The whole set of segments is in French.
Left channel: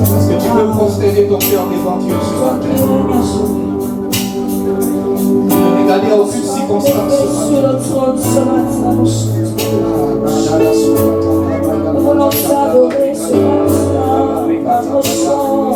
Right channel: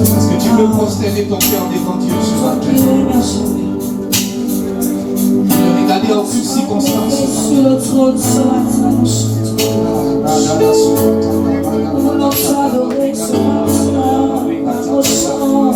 Est-ce que tu veux prosterner ton cœur devant Dieu sur la terre? Ne regarder aucune circonstance. Voulons t'adorer ce matin par nos chants.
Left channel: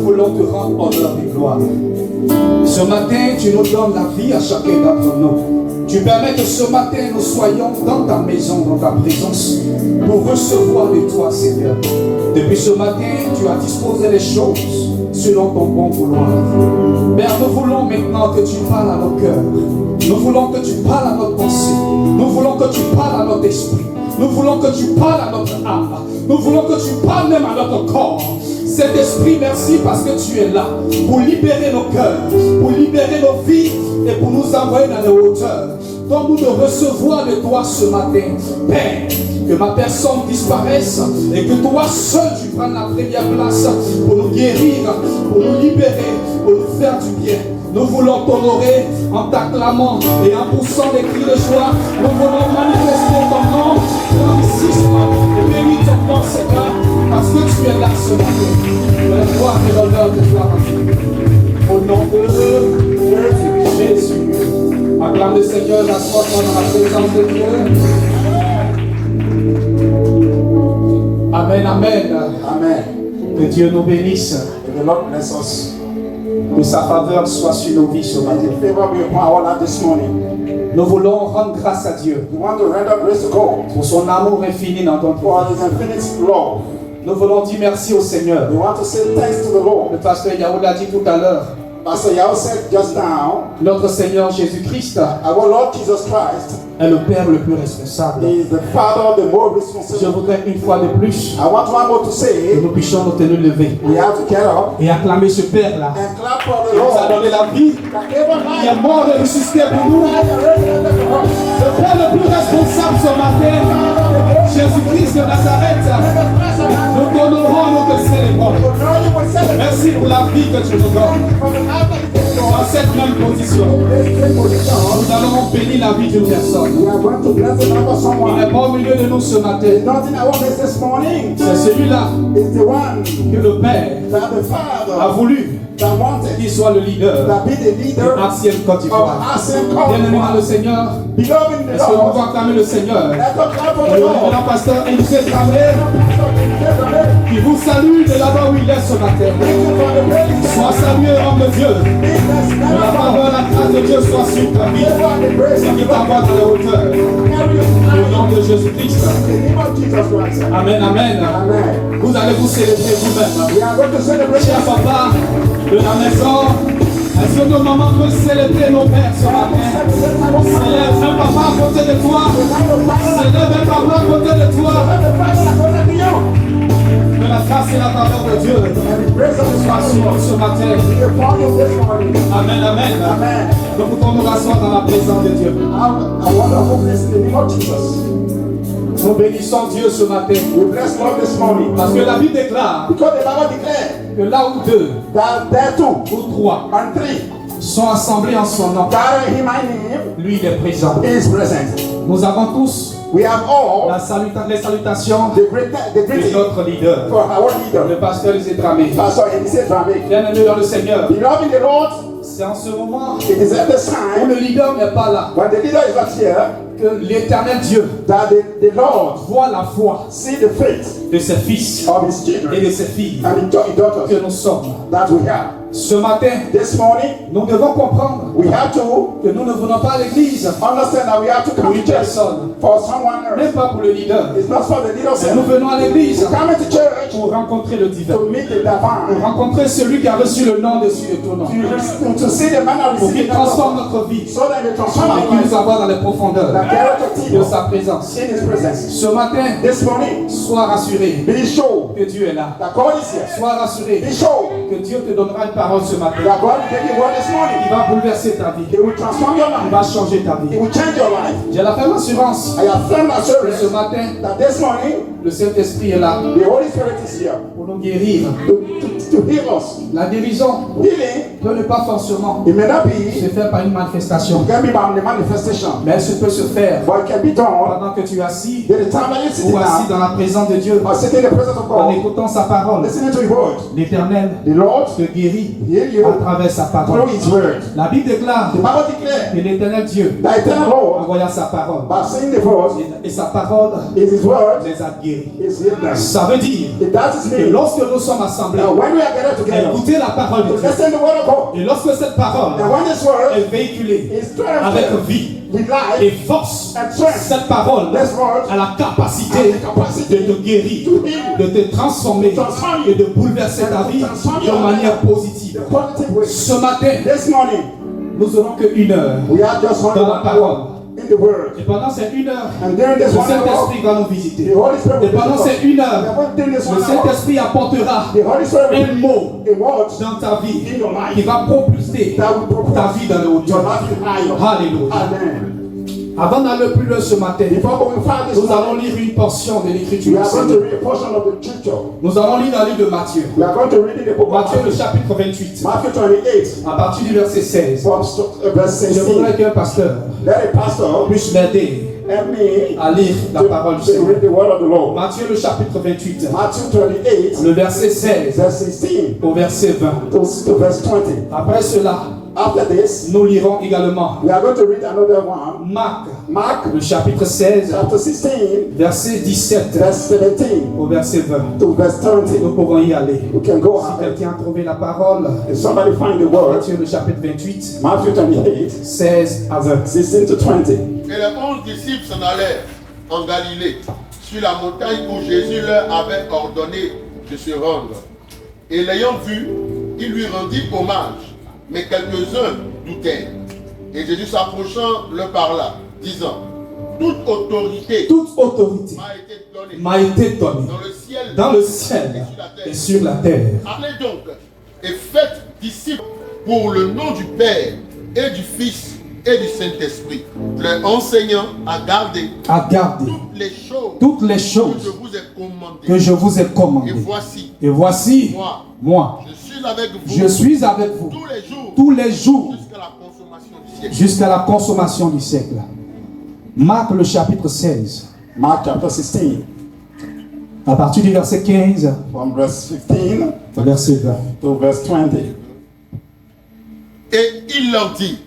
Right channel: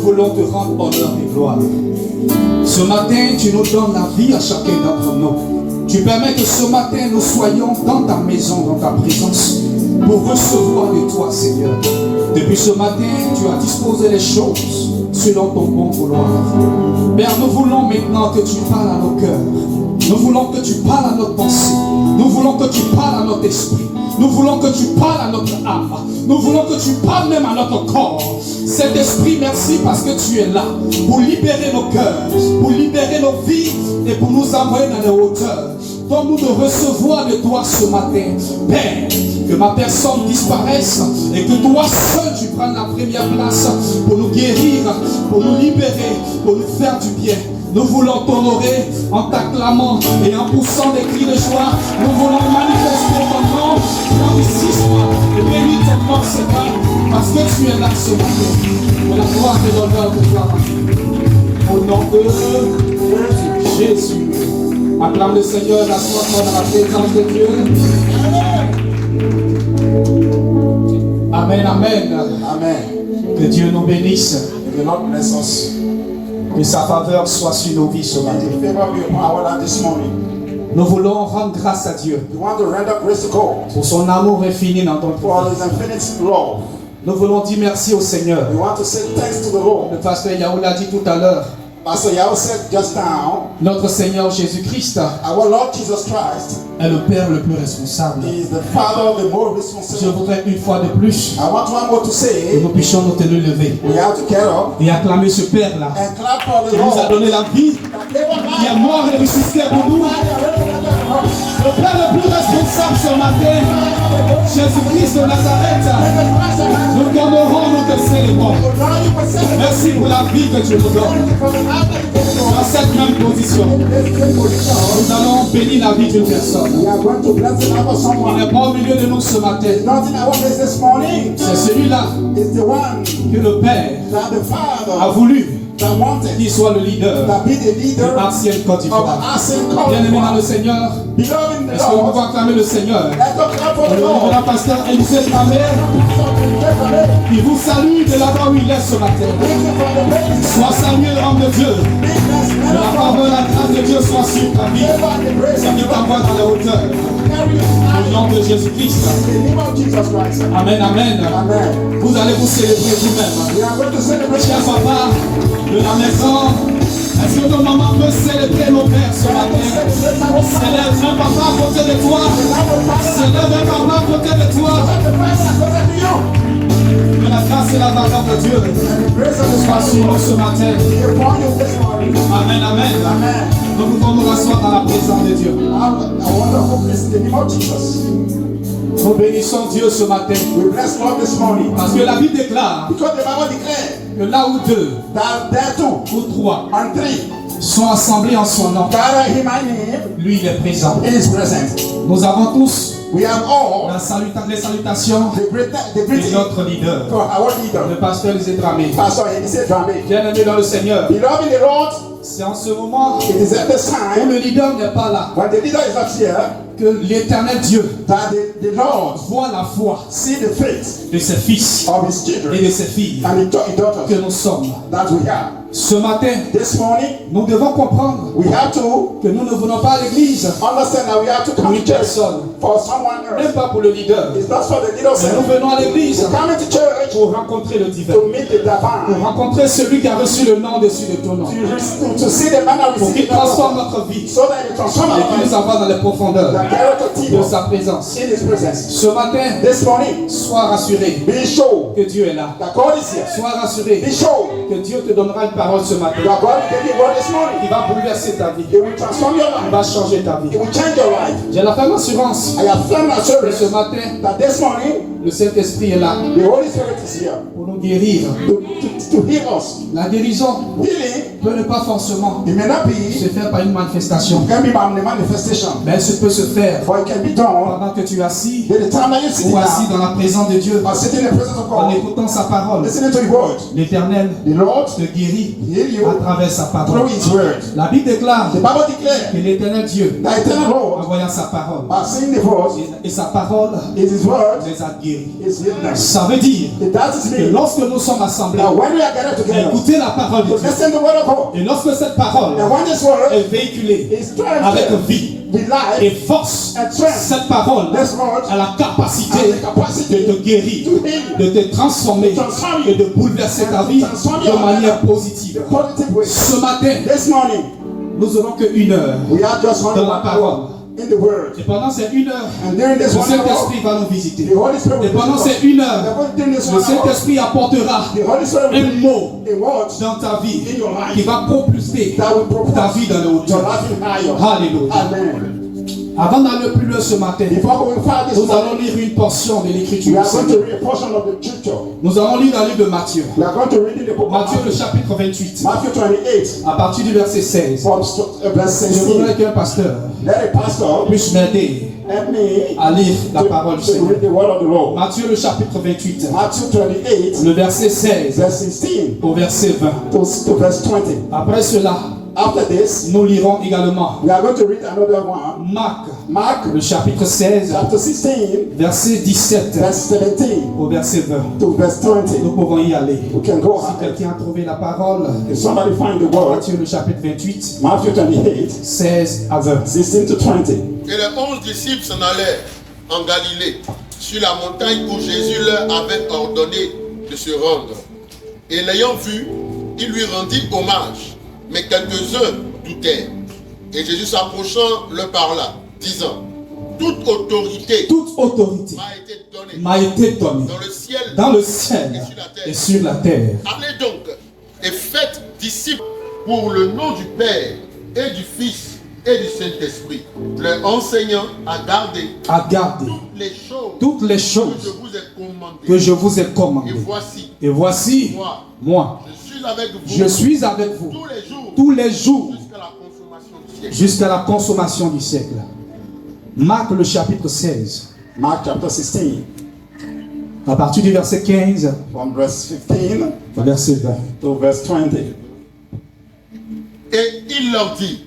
nous voulons te rendre honneur et gloire. Ce matin, tu nous donnes la vie à chacun d'entre nous. Tu permets que ce matin, nous soyons dans ta maison, dans ta présence, pour recevoir de toi, Seigneur. Depuis ce matin, tu as disposé les choses selon ton bon vouloir. Père, nous voulons maintenant que tu parles à nos cœurs. Nous voulons que tu parles à notre pensée. Nous voulons que tu parles à notre esprit. Nous voulons que tu parles à notre âme. Nous voulons que tu parles même à notre corps. Cet esprit, merci parce que tu es là pour libérer nos cœurs, pour libérer nos vies et pour nous envoyer dans les hauteurs. Donne-nous de recevoir de toi ce matin. Père, que ma personne disparaisse et que toi seul tu prennes la première place pour nous guérir, pour nous libérer, pour nous faire du bien. Nous voulons t'honorer en t'acclamant et en poussant des cris de joie. Nous voulons manifester ton nom dans ici et bénir ton nom, Seigneur, parce que tu es là ce matin. Que la gloire et l'honneur de toi. Au nom de Jésus. Acclame le Seigneur, assois-toi dans la présence de Dieu. Amen, amen. Amen. Que Dieu nous bénisse. May the Lord bless us. Que sa faveur soit sur nos vies ce May matin. the favor be upon our life this morning. Nous voulons rendre grâce à Dieu We want to render grace to God pour son amour infini dans notre for vie. His infinite love. Nous voulons dire merci au Seigneur. We want to say thanks to the Lord. Le pasteur Yahou l'a dit tout à l'heure. Pastor Yao said just now, Notre Seigneur Jésus-Christ our Lord Jesus Christ est le Père le plus responsable. is the Father of the more Je responsible. voudrais une fois de plus I want one more to que say, nous puissions nous tenir levés we have to get up et acclamer ce Père-là and clap for the qui nous a Lord. donné la vie, qui est mort et ressuscité pour nous. Le Père le plus responsable ce matin, Jésus-Christ de Nazareth. Nous t'honorons, nous te célébrons. Merci pour la vie que tu nous donnes. Dans cette même position, nous allons bénir la vie d'une personne. We are going to bless the life of Il someone. n'est pas au milieu de nous ce matin. Not in our midst this morning. C'est celui-là It's the one que le Père that the a Father voulu that wanted qu'il soit le leader that be the de leader l'ancienne Côte of d'Ivoire. Asim Bien-aimé dans le Kong. Seigneur, Beloved in the est-ce que nous Lord, pouvons acclamer le Seigneur? let's go clap for Au the nom de Lord. la pasteur Elisée Tramé, qui vous salue de là-bas où il est ce matin. Sois salué, homme de Dieu. Que la faveur, la grâce de Dieu soit sur ta vie. Ça qui t'envoie dans les hauteurs. Au nom de Jésus-Christ. Amen, amen. Amen. Vous allez vous célébrer vous-même. We are going to celebrate. Cher papa de la maison, est-ce que nos mamans peuvent célébrer nos pères ce matin? Célèbre un papa à côté de toi. Célèbre un papa à côté de toi. Que la grâce et la faveur de Dieu soient sur nous ce matin. Amen, amen. Amen. Nous pouvons nous rasseoir dans la présence de Dieu. A wonderful place in the name of Jesus. Nous bénissons Dieu ce matin. We bless God this morning. Parce que la Bible déclare Because the Bible declared que là où deux that there two ou trois and three sont assemblés en son nom, gather in my name lui il est présent. is present. Nous avons tous We have all les salutations the de greeting notre leader, for our leader, le pasteur Zédramé. Pastor Elisée Tramé. Bien-aimé dans le Seigneur, Beloved in the Lord, c'est en ce moment it is at this où time le leader n'est pas là when the leader is not here que l'éternel Dieu that the Lord voit la foi see the faith de ses fils of his et children de ses filles and his que daughters nous sommes. that we have. Ce matin, This morning, nous devons comprendre we have to que nous ne venons pas à l'église understand that we have to pour come une to church personne, for someone même else. pas pour le leader. It's not for the leader Mais nous self. venons à l'église We come to church pour rencontrer le divin, to meet the pour divine, rencontrer celui qui a reçu le nom dessus de ton nom, to see the man that pour qu'il received transforme the notre vie so that they transform et our qu'il life, nous envoie dans les profondeurs that character de people sa présence. in his presence. Ce matin, This morning, sois rassuré be sure que Dieu est là. that God is here. Sois rassuré Be sure que Dieu te donnera une parole ce matin. that God will give you word this morning. Il va bouleverser ta vie. It will transform your Il life. va changer ta vie. It will change your life. J'ai la ferme assurance I have firm que assurance ce matin, that this morning, le Saint-Esprit est là the Holy Spirit is here pour nous guérir. to heal us. La guérison Healing, peut ne pas forcément it may not se be, faire par une manifestation, can be by the manifestation, mais elle peut se faire but it can be done pendant que tu es assis at the time that you sit ou assis down dans la présence de Dieu, or sitting in the presence of en God, écoutant sa parole. listening to His word. L'Éternel The Lord te guérit heal you à travers sa parole. through His word. La Bible déclare The Bible declares que l'Éternel Dieu, that eternal en Lord, voyant sa parole, by saying the voice, et sa parole is His word les a guéris. guérit. is healed. Ça veut dire That is que me. lorsque nous sommes assemblés Now, when we are gathered à together, écouter la parole de to Dieu, listen to the word of God, et lorsque cette parole and when this word est véhiculée is avec transferred vie with et life, force, and strength, cette parole this word a la capacité has the capacity de te guérir, to heal de te transformer transform et de bouleverser ta vie transform de your manière life positive. in a positive way. Ce matin, This morning, nous n'aurons qu'une heure we are just only dans la 1 parole. hour in the word. Et pendant ces une heure, And during le this 1 hour, Saint-Esprit va nous visiter. the Holy Spirit Et will pendant visit ces une heure, us. During this 1 le hour, Saint-Esprit apportera the Holy Spirit will un mot in words dans ta vie in your life qui va propulser that will propose ta vie dans le your hauteur. life in higher. Alléluia. Amen. Avant d'aller plus loin ce matin, Before going far this nous allons morning, lire une portion de we l'Écriture. are going to read a portion of the scripture. Nous allons lire dans le livre de Matthieu. We are going to read in the book of Matthieu, le Matthew, chapitre 28, Matthew 28, à partir du verset 16. from verse Je voudrais 16. qu'un pasteur Let a pastor puisse m'aider help me à lire la parole du to Seigneur. read the word of the Lord. Matthieu, le chapitre 28, Matthew 28, le verset 16 verse 16 au verset 20. to verse 20. Après cela, After this, nous lirons également we are going to read another one. Marc, Mark le chapitre 16, chapter 16, verset 17 verse 17 au verset 20. to verse 20. Nous pouvons y aller. We can go Si ahead. quelqu'un a trouvé la parole, If somebody find the word, Matthieu, le chapitre 28, Matthew 28, 16 à 20. 16 to 20. Et les 11 disciples s'en allèrent en Galilée, sur la montagne où Jésus leur avait ordonné de se rendre. Et l'ayant vu, ils lui rendirent hommage, mais quelques-uns doutèrent. Et Jésus s'approchant leur parla, disant, toute autorité Toute autorité m'a été donnée m'a été donnée dans le ciel dans le ciel et sur la terre. Allez donc et faites disciples pour le nom du Père et du Fils et du Saint-Esprit, leur enseignant à garder À garder toutes les choses toutes les que je choses vous ai commandées. que je vous ai Et commandées. voici, Et voici, moi, moi, je suis avec vous je suis avec vous tous les jours tous les jours jusqu'à la consommation du siècle. jusqu'à la consommation du siècle. Marc, le chapitre 16, Mark chapter 16, à partir du verset 15 from verse 15 au verset 20. to verse 20. Et il leur dit,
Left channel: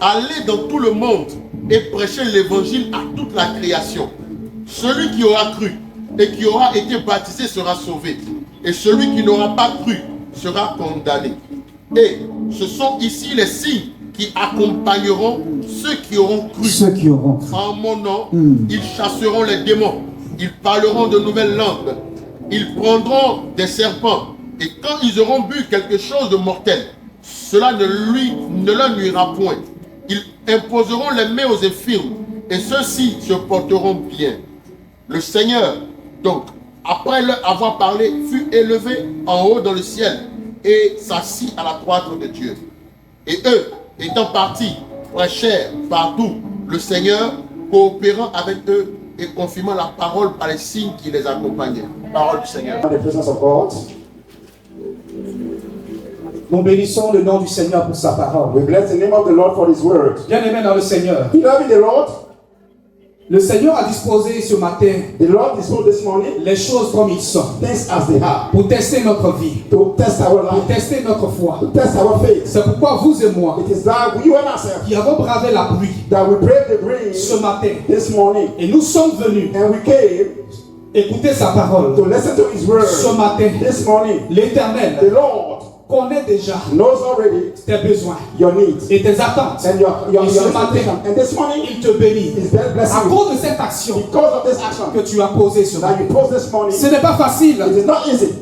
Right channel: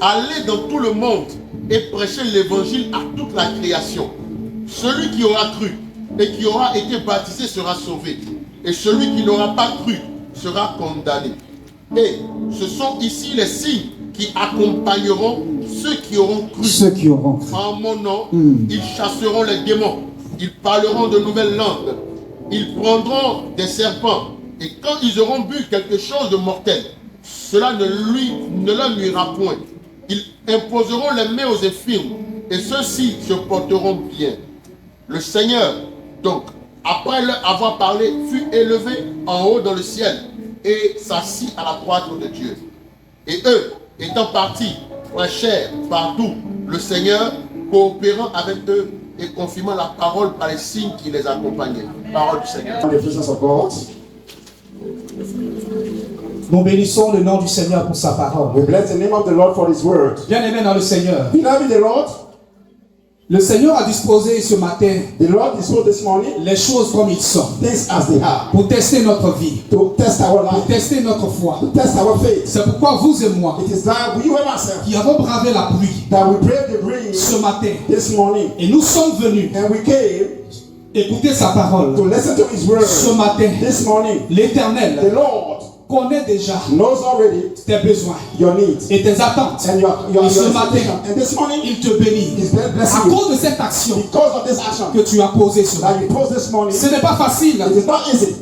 allez dans tout le monde et prêchez l'évangile à toute la création. Celui qui aura cru et qui aura été baptisé sera sauvé, et celui qui n'aura pas cru sera condamné. Et ce sont ici les signes qui accompagneront ceux qui auront cru. Ceux qui auront cru. En mon nom, ils chasseront les démons, ils parleront de nouvelles langues, ils prendront des serpents, et quand ils auront bu quelque chose de mortel, cela ne leur nuira point. Ils imposeront les mains aux infirmes, et ceux-ci se porteront bien. Le Seigneur, donc, après leur avoir parlé, fut élevé en haut dans le ciel, et s'assit à la droite de Dieu. Et eux, étant partis, prêchèrent partout le Seigneur, coopérant avec eux et confirmant la parole par les signes qui les accompagnaient. Parole du Seigneur. In the presence of God, Nous bénissons le nom du Seigneur pour sa parole. we bless the name of the Lord for His word. Bien-aimé dans le Seigneur, Beloved in the Lord, le Seigneur a disposé ce matin the Lord disposed this morning les choses comme ils sont things as they are pour tester notre vie, to test our pour life, tester notre foi. to test our faith. C'est pourquoi vous et moi, It is that we and ourselves qui avons bravé la pluie that we brave the rain ce matin, this morning, et nous sommes venus and we came écouter sa to parole listen to His word ce matin. this morning. The L'Éternel Lord connaît déjà knows already tes besoins your needs et tes attentes. and your Et ce expectation. matin, And this morning, il te bénit He's very à blessing you cause de cette action because of this action que tu as posée ce that matin. you posed this morning. Ce n'est pas facile It is not easy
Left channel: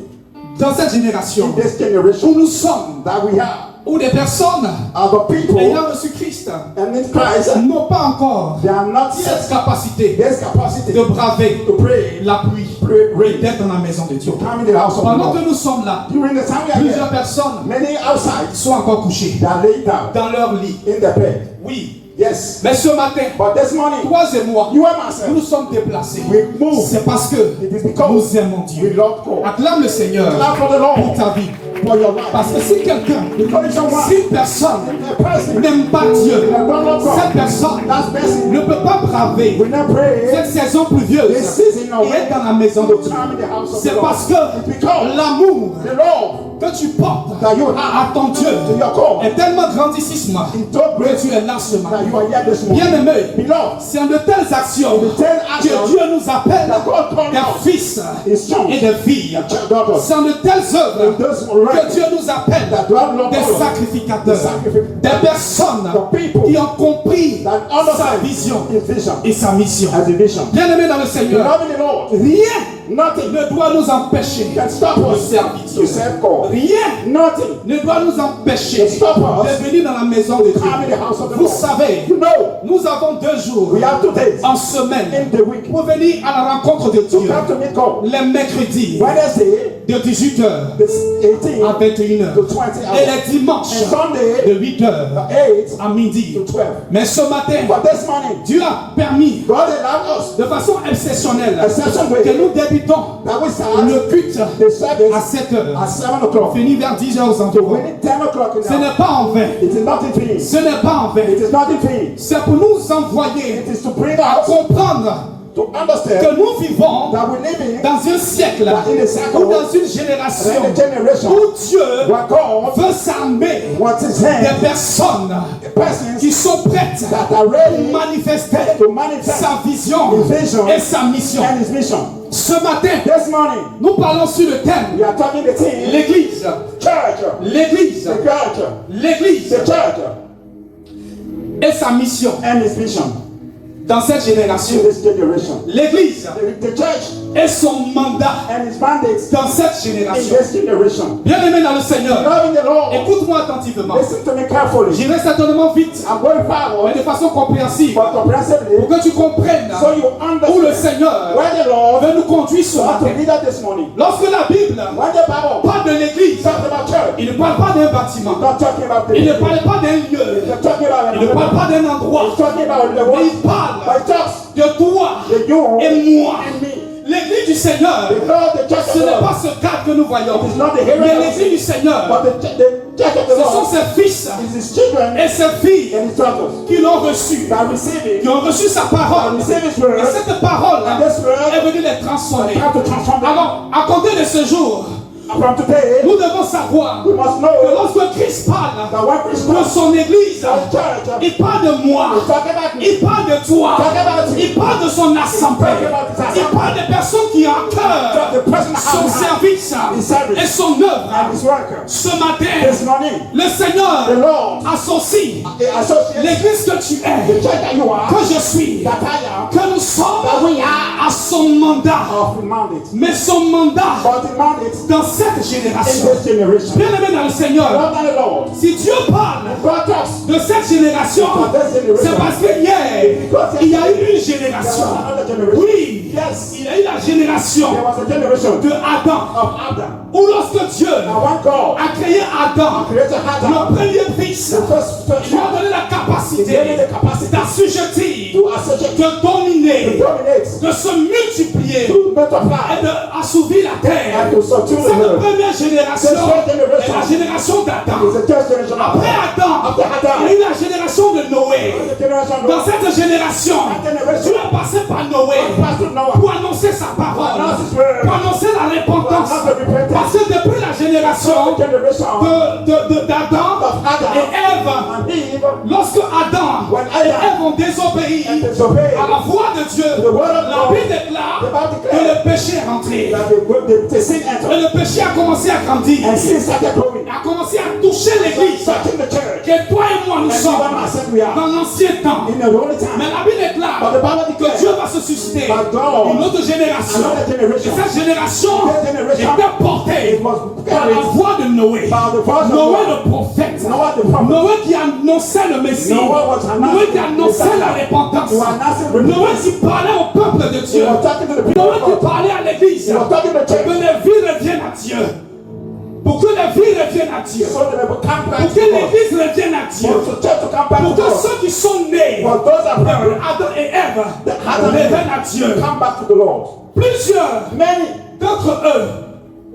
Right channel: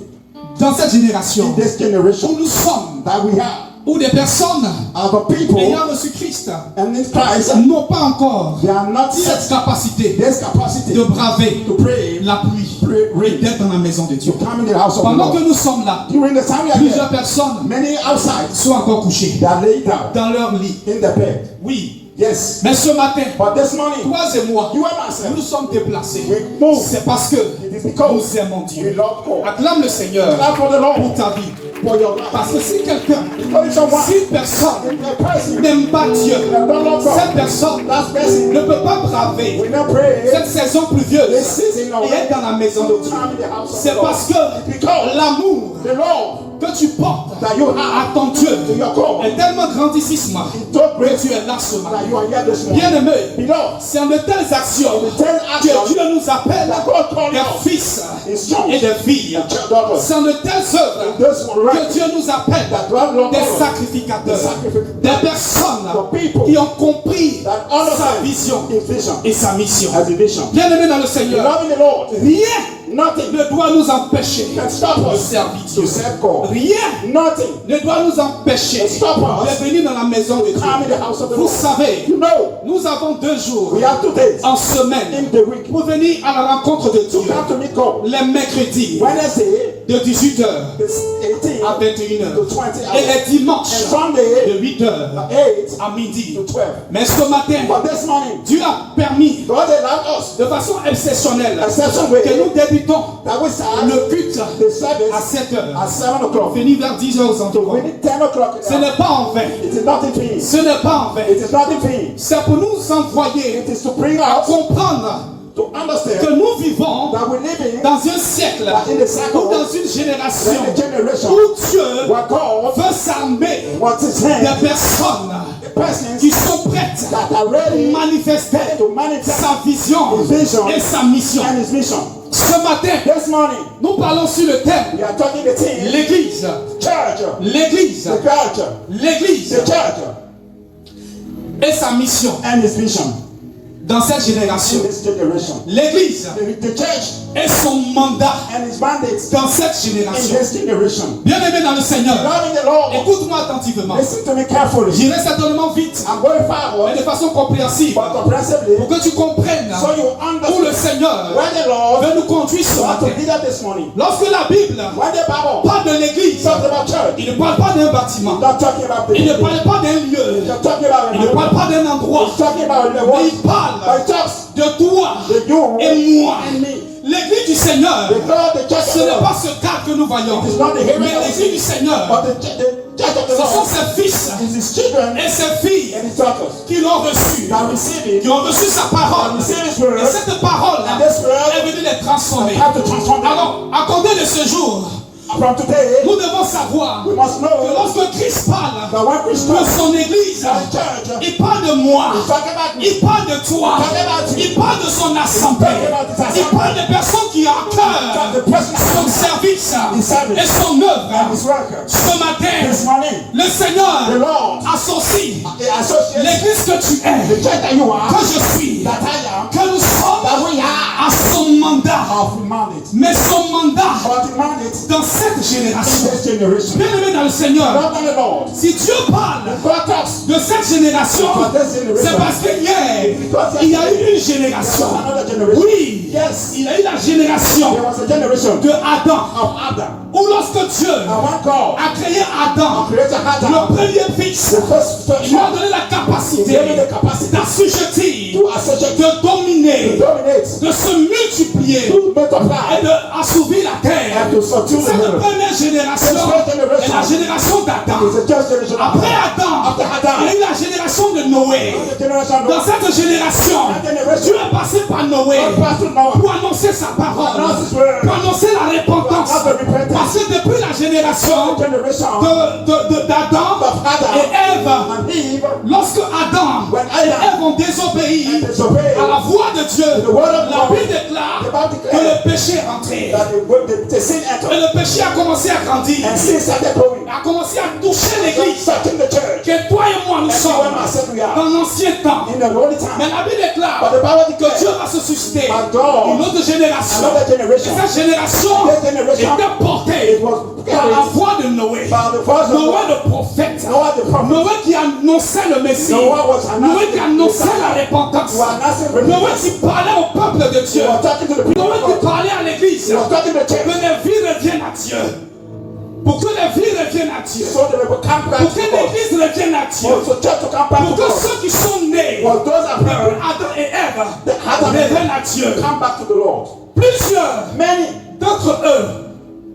dans cette génération in this où generation nous sommes, that we have. où des personnes Other people ayant reçu Christ and in Christ, n'ont pas encore they are not cette yet capacité this capacity de braver to pray, la pluie et d'être dans la maison de Dieu. come in the house of the Pendant que Lord. nous sommes là, During the time we are plusieurs here, personnes many outside, sont encore couchées they are laid down dans leur lit. in the bed. Oui, Yes. mais ce matin, But this morning, toi et moi, you and myself, nous sommes déplacés. we move. C'est parce que It is because nous aimons we Dieu. love God. Acclame le Seigneur Clap for the pour Lord ta vie. for your life. Parce que si quelqu'un, Because someone, si une personne a person, n'aime pas Dieu, that don't love cette God, personne that person ne peut pas braver will not pray. cette saison pluvieuse This season, et être dans la maison de Dieu. come in the house of the C'est Lord. parce que It's because l'amour the Lord que tu portes that you à have ton Dieu to your God est tellement grandissime is so que great tu es là ce that matin. you are here this morning. Bien-aimé, Beloved, c'est en de telles actions the 10 que actions Dieu nous appelle that God called des us fils His sons, et des filles. daughters, C'est en de telles œuvres those que Dieu nous appelle that God Lord des called sacrificateurs, the sacrificators, des personnes the people qui ont compris that sa understand vision His vision et sa mission. as a vision. Bien-aimé dans le Seigneur, Loving the Lord, rien nothing ne doit nous empêcher can stop de us servir to Dieu. serve God. Rien Nothing ne doit nous empêcher to stop us de venir dans la maison de Dieu. come in the house of the Vous Lord. savez, You know, nous avons 2 jours we have 2 days en semaine in the week pour venir à la rencontre de to Dieu. come to meet God. Les mercredis Wednesday, de 18h it's 18 à 21h. to 20 Et hours. les dimanches And Sunday, de 8h 8 à midi. to 12. Mais ce matin, But this morning, Dieu a permis God allowed us de façon exceptionnelle exception que way nous débutons that we start le culte the à service 7h. at 7 o'clock. Fini vers 10h aux So environs. when it's 10 o'clock in Ce the n'est pas en vain. it is not in vain. Ce n'est pas en vain. It is not in vain. C'est pour nous envoyer It is to bring à us comprendre to understand que nous vivons that we live in dans un siècle ou dans une génération a generation où Dieu where God veut s'armer wants His hand, des personnes persons qui sont prêtes that are ready pour manifester to manifest sa vision His vision et sa mission. and His mission. Ce matin, This morning, nous parlons sur le thème we are talking the team, l'Église, church, l'Église, the church, l'Église the church, et sa mission and His mission dans cette génération. in this generation. L'Église The church et son mandat and His mandate dans cette in génération. this generation. Bien-aimé dans le Seigneur, Loving the Lord, écoute-moi attentivement. listen to me carefully. J'irai certainement vite, I'm going mais forward, de façon compréhensible, but comprehensively, pour que tu comprennes so you où le understand Seigneur where the Lord veut nous conduire ce wants to matin. lead us this morning. Lorsque la Bible When the Bible parle de l'Église, talks about church, il ne parle pas d'un bâtiment, it's not talking about the il ne parle pas d'un lieu, it's talking about il ne parle pas d'un endroit, it's talking about the mais one il parle but it talks de toi the you et moi. and me. L'église du Seigneur, The Lord, the church of ce the n'est Lord, pas ce cadre que nous voyons, it is not the mais hearing of l'église du Seigneur, but the church of the ce sont Lord ses fils is His children et ses filles and His daughters qui l'ont reçu, that receive it, qui ont reçu sa parole. that receive His Et word, cette parole and this word est venue les transformer. have to transform them. Alors, à compter de ce jour, From today, nous devons savoir we must que know lorsque Christ parle that when Christ de talks son église, about church, il parle de moi, He's talking about me. il parle de toi, Talking about you. il parle de son assemblée, il parle des personnes qui ont à cœur The personal son service et son œuvre. and His work. Ce matin, This morning, le the Seigneur Lord associe associates l'église que tu the es, church that you are, que je suis, that I am, que nous sommes that we are à son mandat. of the mandate. Mais son mandat But the mandate dans cette génération, in this generation. bien aimé dans le Seigneur, Love the Lord. si Dieu parle God talks de cette génération, c'est parce que hier, il y a eu une génération. another generation. Oui, Yes, il y a eu la génération there was a generation de Adam, of Adam. où lorsque Dieu Now when God a créé Adam, created Adam, le premier fils, the first il lui a son, donné la he capacité gave him the capacity d'assujettir, to associate, de to dominer, dominate, de se multiplier to multiply, et d'assouvir la terre. and to subdue C'est the la world. première génération, First generation. et la génération d'Adam. It's a third generation. Après Adam, After Adam, il y a eu la génération de Noé. the generation of Dans cette génération, Dieu est passé par Noé Pastor Noah, pour annoncer sa parole, Announce his word. pour annoncer la repentance. Announce the repentance. Parce que depuis la génération generation d'Adam of Adam et Ève, and Eve, lorsque Adam When et Adam Ève ont désobéi disobeyed à la voix de Dieu, the word of la God, Bible déclare the Bible que declares le péché est rentré. that the sin Et entered le péché a commencé à grandir. and sin started growing. A commencé à toucher l'église. Touching the church. Que toi et moi nous sommes Everyone has said we are dans l'ancien temps. in the holy Mais time. la Bible But déclare the Bible que declares Dieu va se susciter that God, une autre génération. another Et generation, cette génération That generation était portée it was par la voix de Noé. by the voice of Noé God. le prophète. Noah the prophet. Noé qui annonçait le Messie. Noah was announcing Noé qui annonçait the la repentance. He was announcing Noé repentance. qui parlait au peuple de Dieu. He was talking to the people Noé of qui God. parlait à l'église. He was talking to the Que church. les vies reviennent à Dieu. Pour que les vies reviennent à Dieu. So they will come back Pour que to God. l'église revienne à Dieu. For the church to come back Pour to que God. ceux qui sont nés For those that depuis heard Adam et Ève Adam reviennent à Dieu. come back to the Lord. Plusieurs Many d'entre eux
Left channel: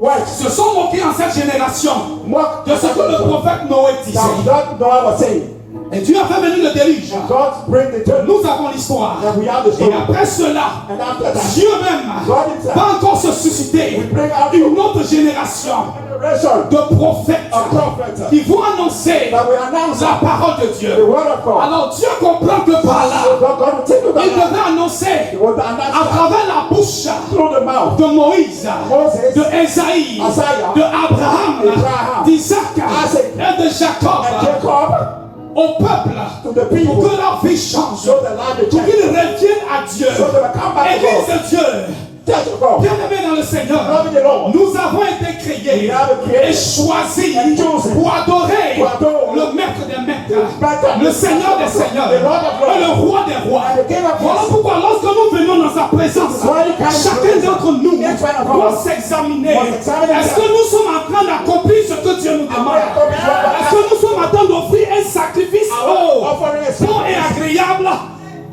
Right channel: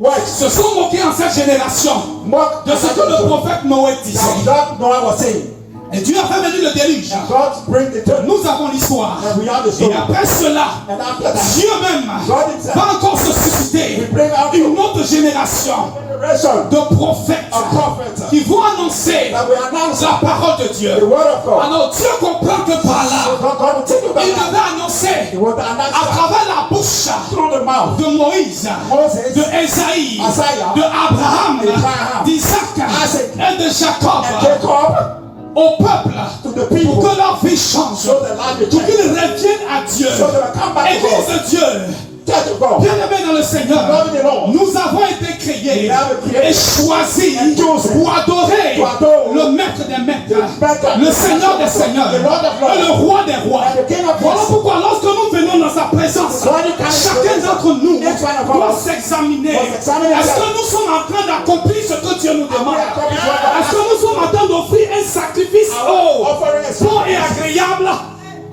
wives se sont moqués en cette génération mock de ce que le prophète Noé disait. that Noah was saying. Et Dieu a fait venir le déluge. God bring the church. Nous avons l'histoire. And we have the Et story. après cela, And after that, Dieu même God himself va encore se susciter will bring out une autre génération generation de prophètes of prophets qui vont annoncer that will announce la parole de Dieu. the word of God. Alors Dieu comprend que par So là, God will take you il back. devait annoncer He will à announce travers la bouche through the mouth de Moïse, Moses, de Esaïe, Isaiah, de Abraham, Abraham, d'Isaac Isaac, et de Jacob and Jacob au peuple to the pour people que leur vie change, so the life will pour change. qu'ils reviennent à Dieu. So they will come back to Église God. de Dieu, Church of God. bien-aimés dans le Seigneur, Love the Lord. nous avons été créés We have been created et choisis and chosen pour adorer to adore le Maître des Maîtres, Maître, le Seigneur des Seigneurs, the Lord of Lords, et le Roi des Rois. and the King of Voilà Kings. pourquoi lorsque nous venons dans sa présence, When he comes chacun to d'entre nous each one of doit us s'examiner. must examine Est-ce que himself. nous sommes en train d'accomplir ce que Dieu nous demande? accomplishing Est-ce que nous sommes en train d'offrir un sacrifice offering a bon et sacrifice agréable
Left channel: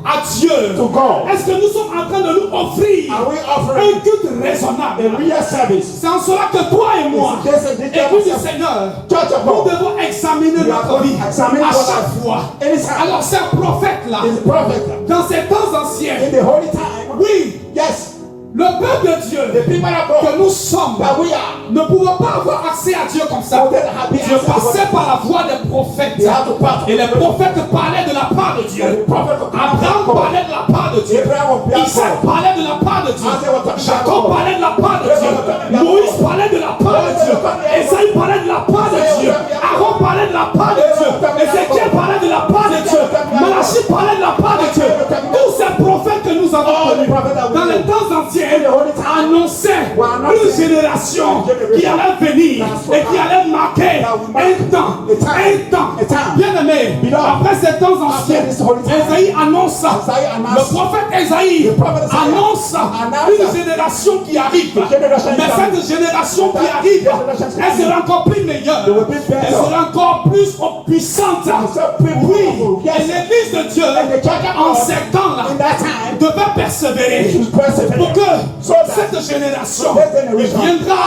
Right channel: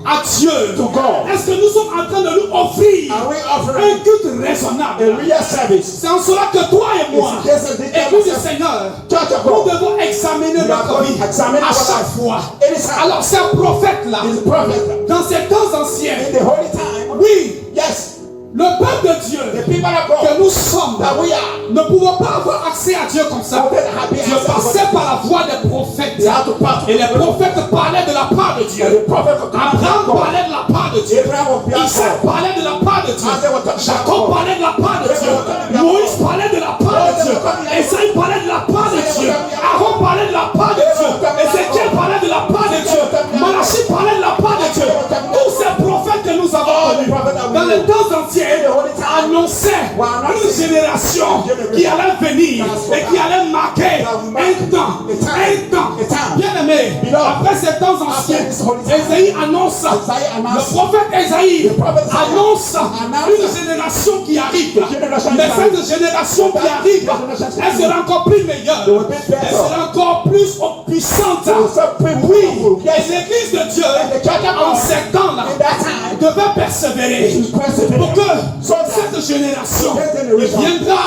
à Dieu? to God? Est-ce que nous sommes en train de nous offrir Are we un offering culte a raisonnable? real service? C'est en cela que toi et moi, Yes, yes, écoute du yes. Seigneur, Church of nous God. devons examiner We are notre vie going to examine à our chaque life. fois. Anytime. Alors ces prophètes-là, Is the prophet dans ces temps anciens, in the holy time? oui, Yes, le peuple de the Dieu people of God que nous sommes that we are. ne pouvons pas avoir accès à Dieu comme ça. Dieu passait par la voix des prophètes. They have to pass. Et les prophètes parlaient de la part de Dieu. The prophet of Abraham God. parlait de la part de Dieu. Isaac parlait de la part de Dieu. Jacob parlait de la part de Dieu. Moïse parlait de la part de Dieu. Esaïe parlait de la part de Dieu. Aaron parlait de la part de Dieu. Ézéchiel parlait de la part de Dieu. Malachie parlait de la part de Dieu. Tous ces prophètes que nous avons connus dans les temps anciens annonçaient une génération qui allait venir et qui allait marquer un temps. Bien aimé, après ces temps anciens, Esaïe annonce, le prophète Esaïe annonce une génération qui arrive. Mais cette génération qui arrive, elle sera encore plus meilleure, elle sera encore plus puissante. Oui, et l'église de Dieu, en ces temps-là, devait persévérer pour que cette génération viendra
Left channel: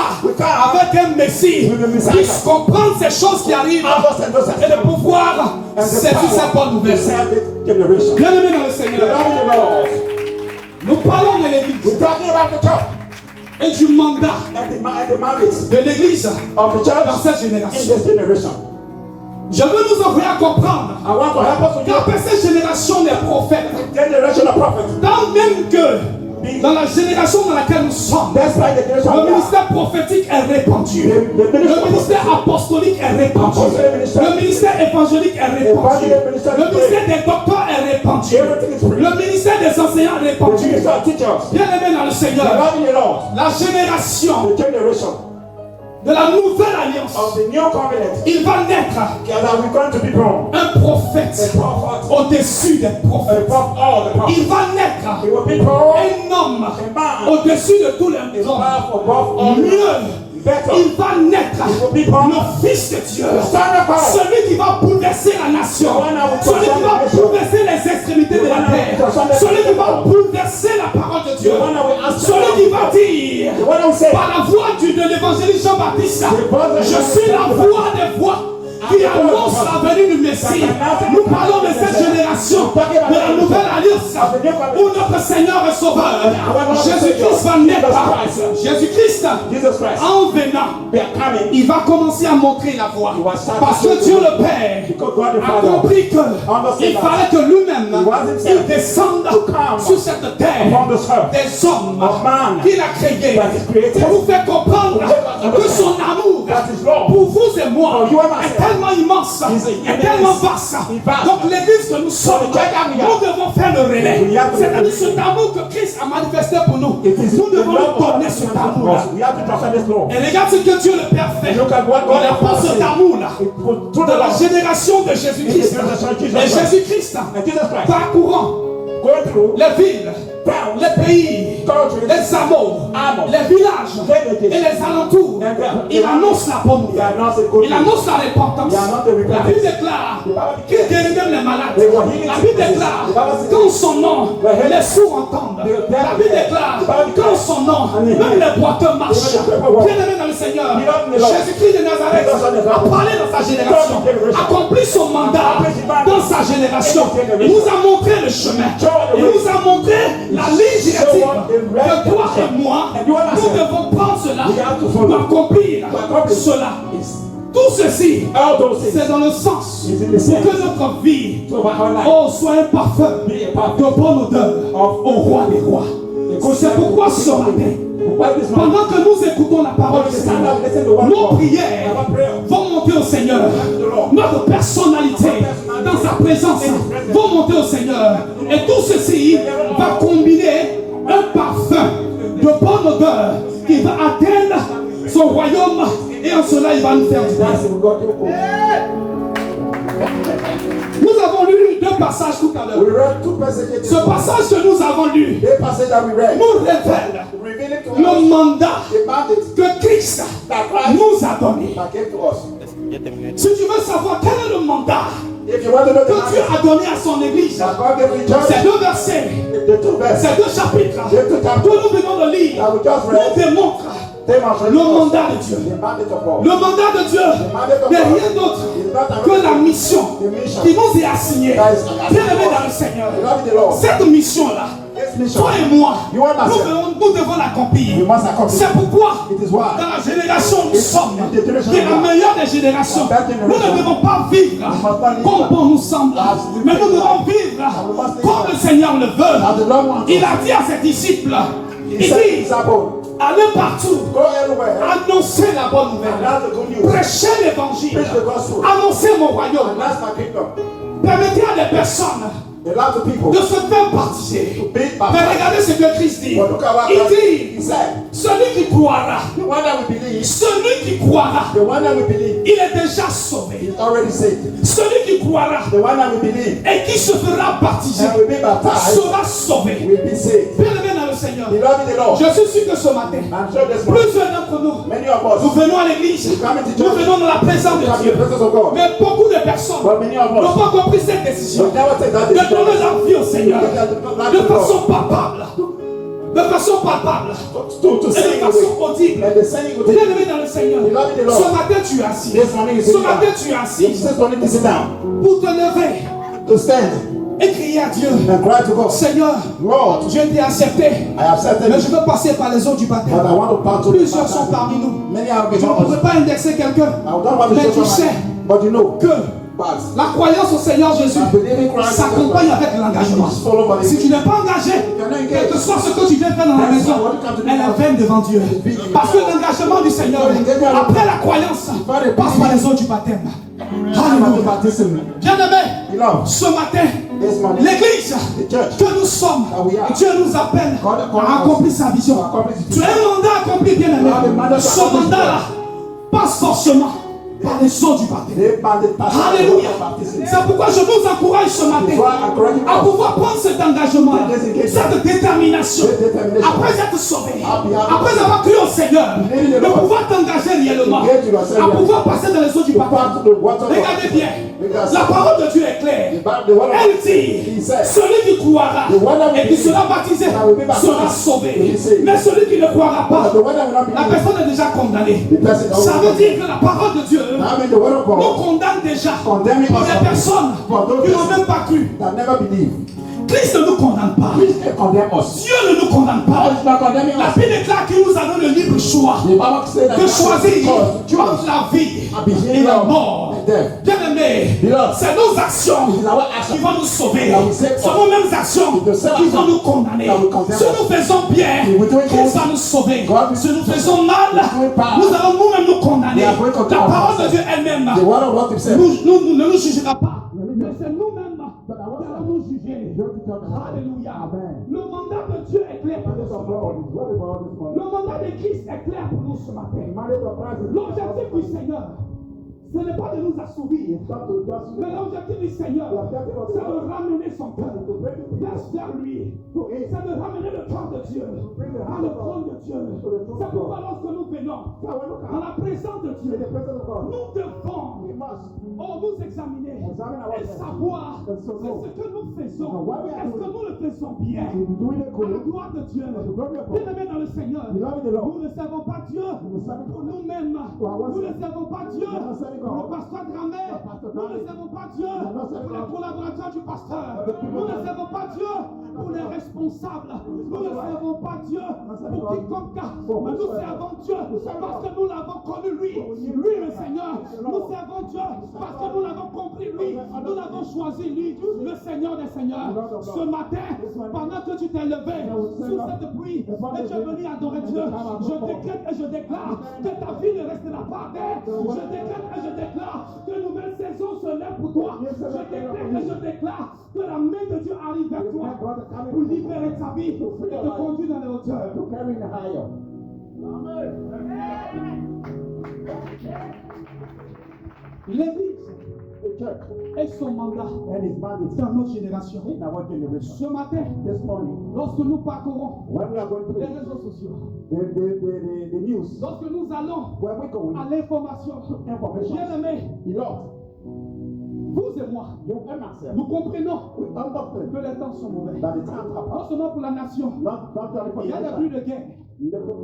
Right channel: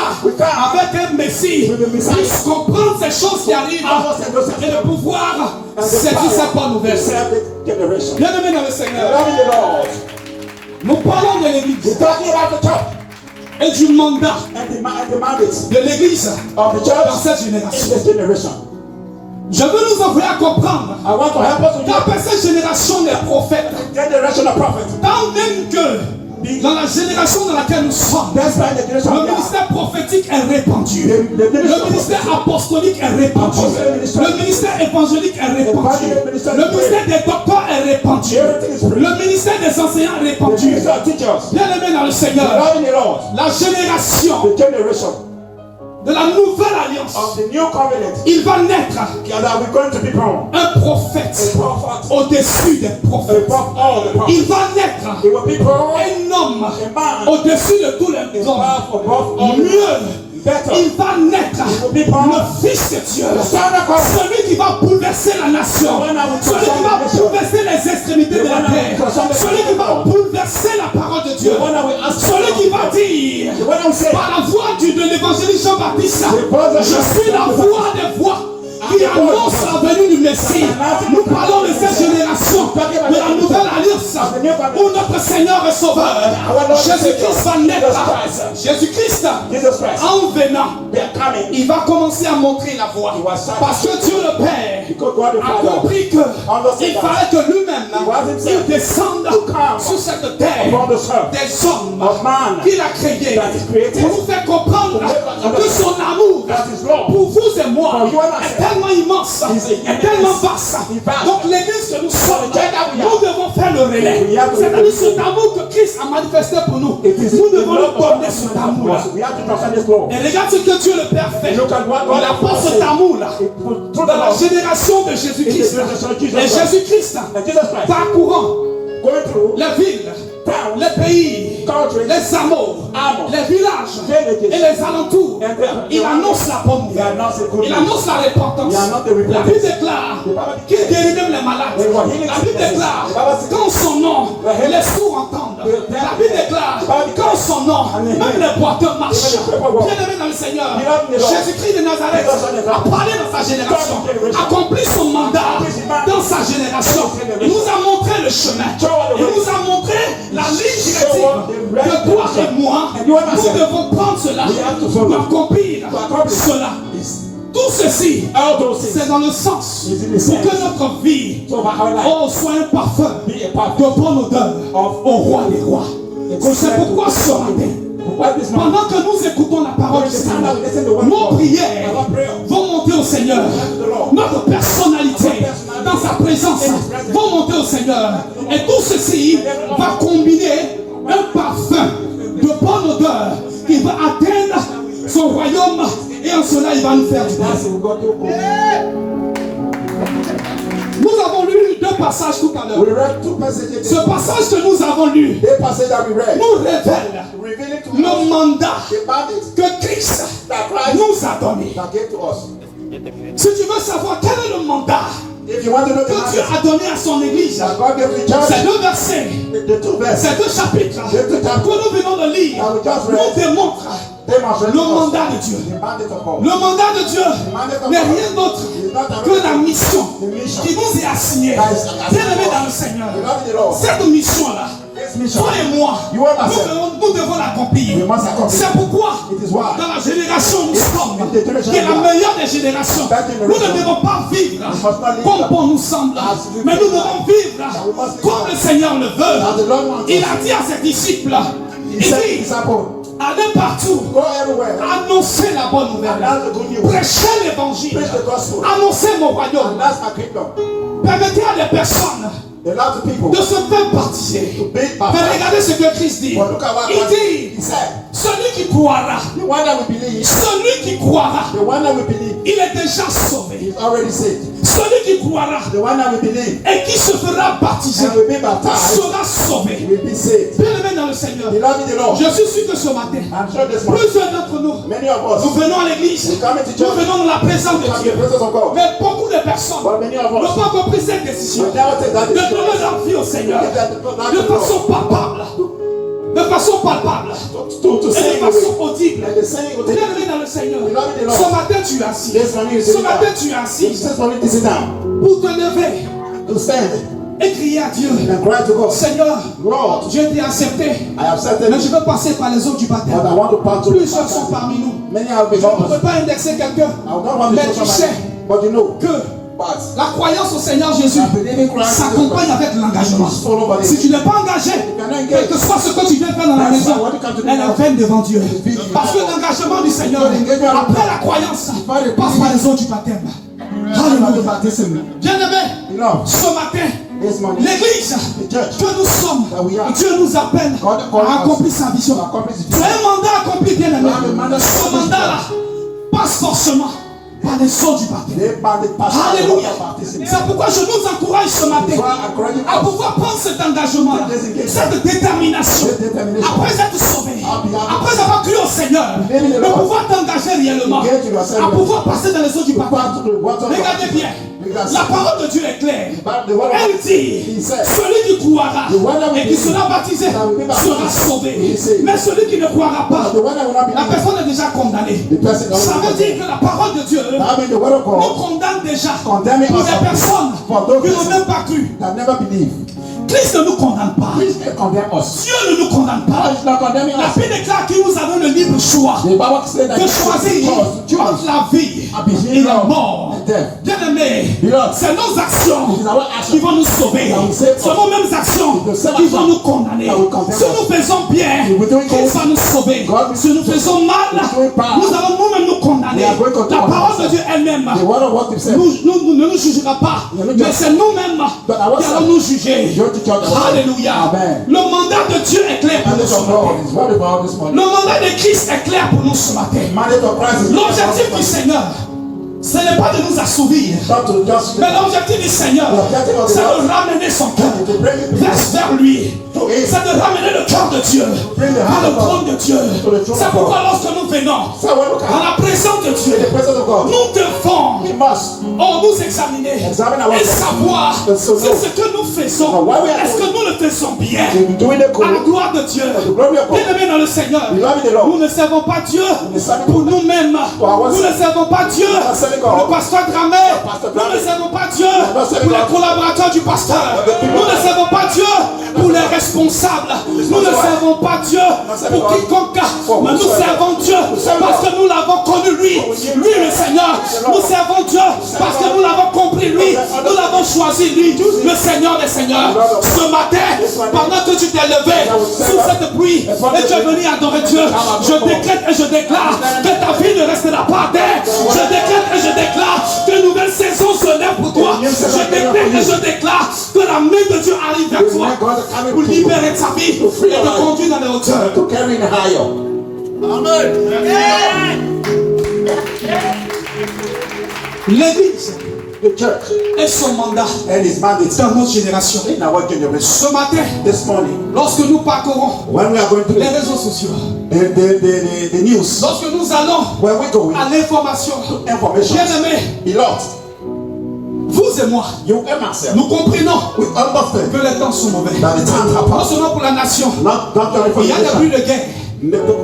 avec un Messie, puisse comprendre ces choses qui arrivent et de pouvoir saisir cette bonne nouvelle. Bien aimé dans le Seigneur, nous parlons de l'église et du mandat de l'église dans cette génération. Je veux nous envoyer à comprendre qu'après cette génération des prophètes, tant même que dans la génération dans laquelle nous sommes, le ministère prophétique est répandu, le ministère apostolique est répandu, le ministère évangélique est répandu, le ministère des docteurs est répandu, le ministère des enseignants est répandu. Bien aimé dans le Seigneur, la génération de la nouvelle alliance, il va naître un prophète au-dessus des prophètes. Il va naître un homme au-dessus de tous les hommes. Mieux, il va naître le Fils de Dieu, celui qui va bouleverser la nation, celui qui va bouleverser les extrémités de la terre, celui qui va bouleverser la parole de Dieu, celui qui va dire par la voix de l'évangéliste Jean-Baptiste, je suis la voix des voix qui annonce la venue du Messie. Nous parlons de cette génération de la nouvelle alliance où notre Seigneur et Sauveur Jésus-Christ va naître. Jésus-Christ, en venant, il va commencer à montrer la voie. Parce que Dieu le Père a compris qu'il fallait que lui-même il descende sur cette terre des hommes qu'il a créés pour nous faire comprendre que son amour pour vous et moi est tellement immense, est tellement vaste. Donc l'église que nous sommes, nous devons faire le relais. C'est-à-dire cet amour que Christ a manifesté pour nous. Nous devons lui donner cet amour-là. Et regarde ce que Dieu le Père fait. Il apporte cet amour-là dans la génération de Jésus-Christ. Et Jésus-Christ, parcourant les villes, les pays, les amours, les villages et les alentours, il annonce la bonne nouvelle. Il annonce la repentance. La Bible déclare qu'il guérit même les malades. La Bible déclare qu'en son nom, les sourds entendent. La Bible déclare qu'en son nom, même les boiteux marchent. Bien-aimé dans le Seigneur, Jésus-Christ de Nazareth a parlé dans sa génération, accompli son mandat dans sa génération. génération. Il nous a montré le chemin. Il nous a montré la ligne directive de toi et moi. Nous devons prendre cela pour accomplir cela. Tout ceci, c'est dans le sens pour que notre vie soit un parfum de bonne odeur au roi des rois. C'est pourquoi ce matin, pendant que nous écoutons la parole du Seigneur, nos prières vont monter au Seigneur. Notre personnalité dans sa présence vont monter au Seigneur. Et tout ceci va combiner un parfum de bonne odeur qui va atteindre son royaume. Et en cela, il va nous faire du bien. Nous avons lu deux passages tout à l'heure. Ce passage que nous avons lu nous révèle le mandat que Christ nous a donné. Si tu veux savoir quel est le mandat que Dieu a donné à son église, ces deux versets, ces deux chapitres que nous venons de lire nous démontrent le mandat de Dieu. Le mandat de Dieu n'est rien d'autre que la mission qui nous est assignée. Bien-aimés dans le Seigneur, cette mission-là, toi et moi, nous devons l'accomplir. C'est pourquoi, dans la génération où nous sommes, qui est la meilleure des générations, nous ne devons pas vivre comme bon nous semble, mais nous devons vivre comme le Seigneur le veut. Il a dit à ses disciples, il dit, allez partout, annoncez la bonne nouvelle, prêchez l'évangile, annoncez mon royaume, permettez à des personnes de se faire baptiser. Mais regardez ce que Christ dit. Il dit, celui qui croira, il est déjà sauvé. Celui qui croira et qui se fera baptiser sera sauvé. Bien-aimé dans le Seigneur, je suis sûr que ce matin, plusieurs d'entre nous venons à l'église, nous venons dans la présence de Dieu. Mais beaucoup de personnes n'ont pas compris cette décision de donner leur vie au Seigneur de façon palpable. De façon palpable et de façon audible. Bien-aimé dans le Seigneur, ce matin tu es assis. Ce matin tu es assis pour te lever et crier à Dieu. Seigneur, je t'ai accepté, mais je veux passer par les eaux du baptême. Plusieurs sont parmi nous. Je ne peux pas indexer quelqu'un, mais tu sais que la croyance au Seigneur Jésus s'accompagne avec l'engagement. Si tu n'es pas engagé, quel que soit ce que tu viens faire dans la maison, elle est vaine devant Dieu. Parce que l'engagement du Seigneur, après la croyance, passe par les eaux du baptême. Alléluia. Bien-aimé, ce matin, l'église que nous sommes, Dieu nous appelle à accomplir sa vision. Tu as un mandat accompli, bien-aimé. Ce mandat-là passe forcément par les eaux du baptême. Alléluia. C'est pourquoi je vous encourage ce matin à pouvoir prendre cet engagement, cette détermination, après être sauvé, après avoir cru au Seigneur, de pouvoir t'engager réellement, à pouvoir passer dans les eaux du baptême. Regardez bien, la parole de Dieu est claire. Elle dit, celui qui croira et qui sera baptisé sera sauvé. Mais celui qui ne croira pas, la personne est déjà condamnée. Ça veut dire que la parole de Dieu nous condamne déjà pour des personnes qui n'ont même pas cru. Christ ne nous condamne pas. Dieu ne nous condamne pas. La Bible déclare qu'il nous a donné le libre choix de choisir entre la vie et la mort. Bien-aimé, c'est nos actions qui vont nous sauver. C'est nos mêmes actions qui vont nous condamner. Si nous faisons bien, Christ va nous sauver. Si nous faisons mal, nous allons nous-mêmes nous condamner. La parole de Dieu elle-même ne nous jugera pas, mais c'est nous-mêmes qui allons nous juger. Alléluia. Le mandat de Dieu est clair pour nous ce matin. Le mandat de Christ est clair pour nous ce matin. L'objectif du Seigneur, ce n'est pas de nous assouvir, mais l'objectif du Seigneur, c'est de ramener son cœur vers lui. C'est de ramener le cœur de Dieu à le trône de Dieu. C'est pourquoi lorsque nous venons à la présence de Dieu, nous devons nous examiner et savoir si ce que nous faisons, est-ce que nous le faisons bien à la gloire de Dieu. Bien-aimés dans le Seigneur, nous ne servons pas Dieu pour nous-mêmes. Nous ne servons pas Dieu pour le pasteur Dramé. Nous ne servons pas Dieu pour les collaborateurs du pasteur. Nous ne servons pas Dieu pour les responsables. Nous ne servons pas Dieu pour quiconque. Mais nous servons Dieu parce que nous l'avons connu lui. Lui le Seigneur. Nous servons Dieu parce que nous l'avons compris lui. Nous l'avons choisi lui. Le Seigneur des Seigneurs. Ce matin, pendant que tu t'es levé sous cette pluie et tu es venu adorer Dieu, je décrète et je déclare que ta vie ne restera pas à terre. Je décrète et je déclare qu'une nouvelle saison se lève pour toi. Je décrète et je déclare que la main de Dieu arrive vers toi pour libérer ta vie et te conduire dans les hauteurs. Amen. L'église et son mandat dans notre génération. Ce matin, lorsque nous parcourons les réseaux sociaux, lorsque nous allons à l'information, bien-aimés, vous et moi, nous comprenons que les temps sont mauvais. Non seulement pour la nation, il y a des bruits de guerre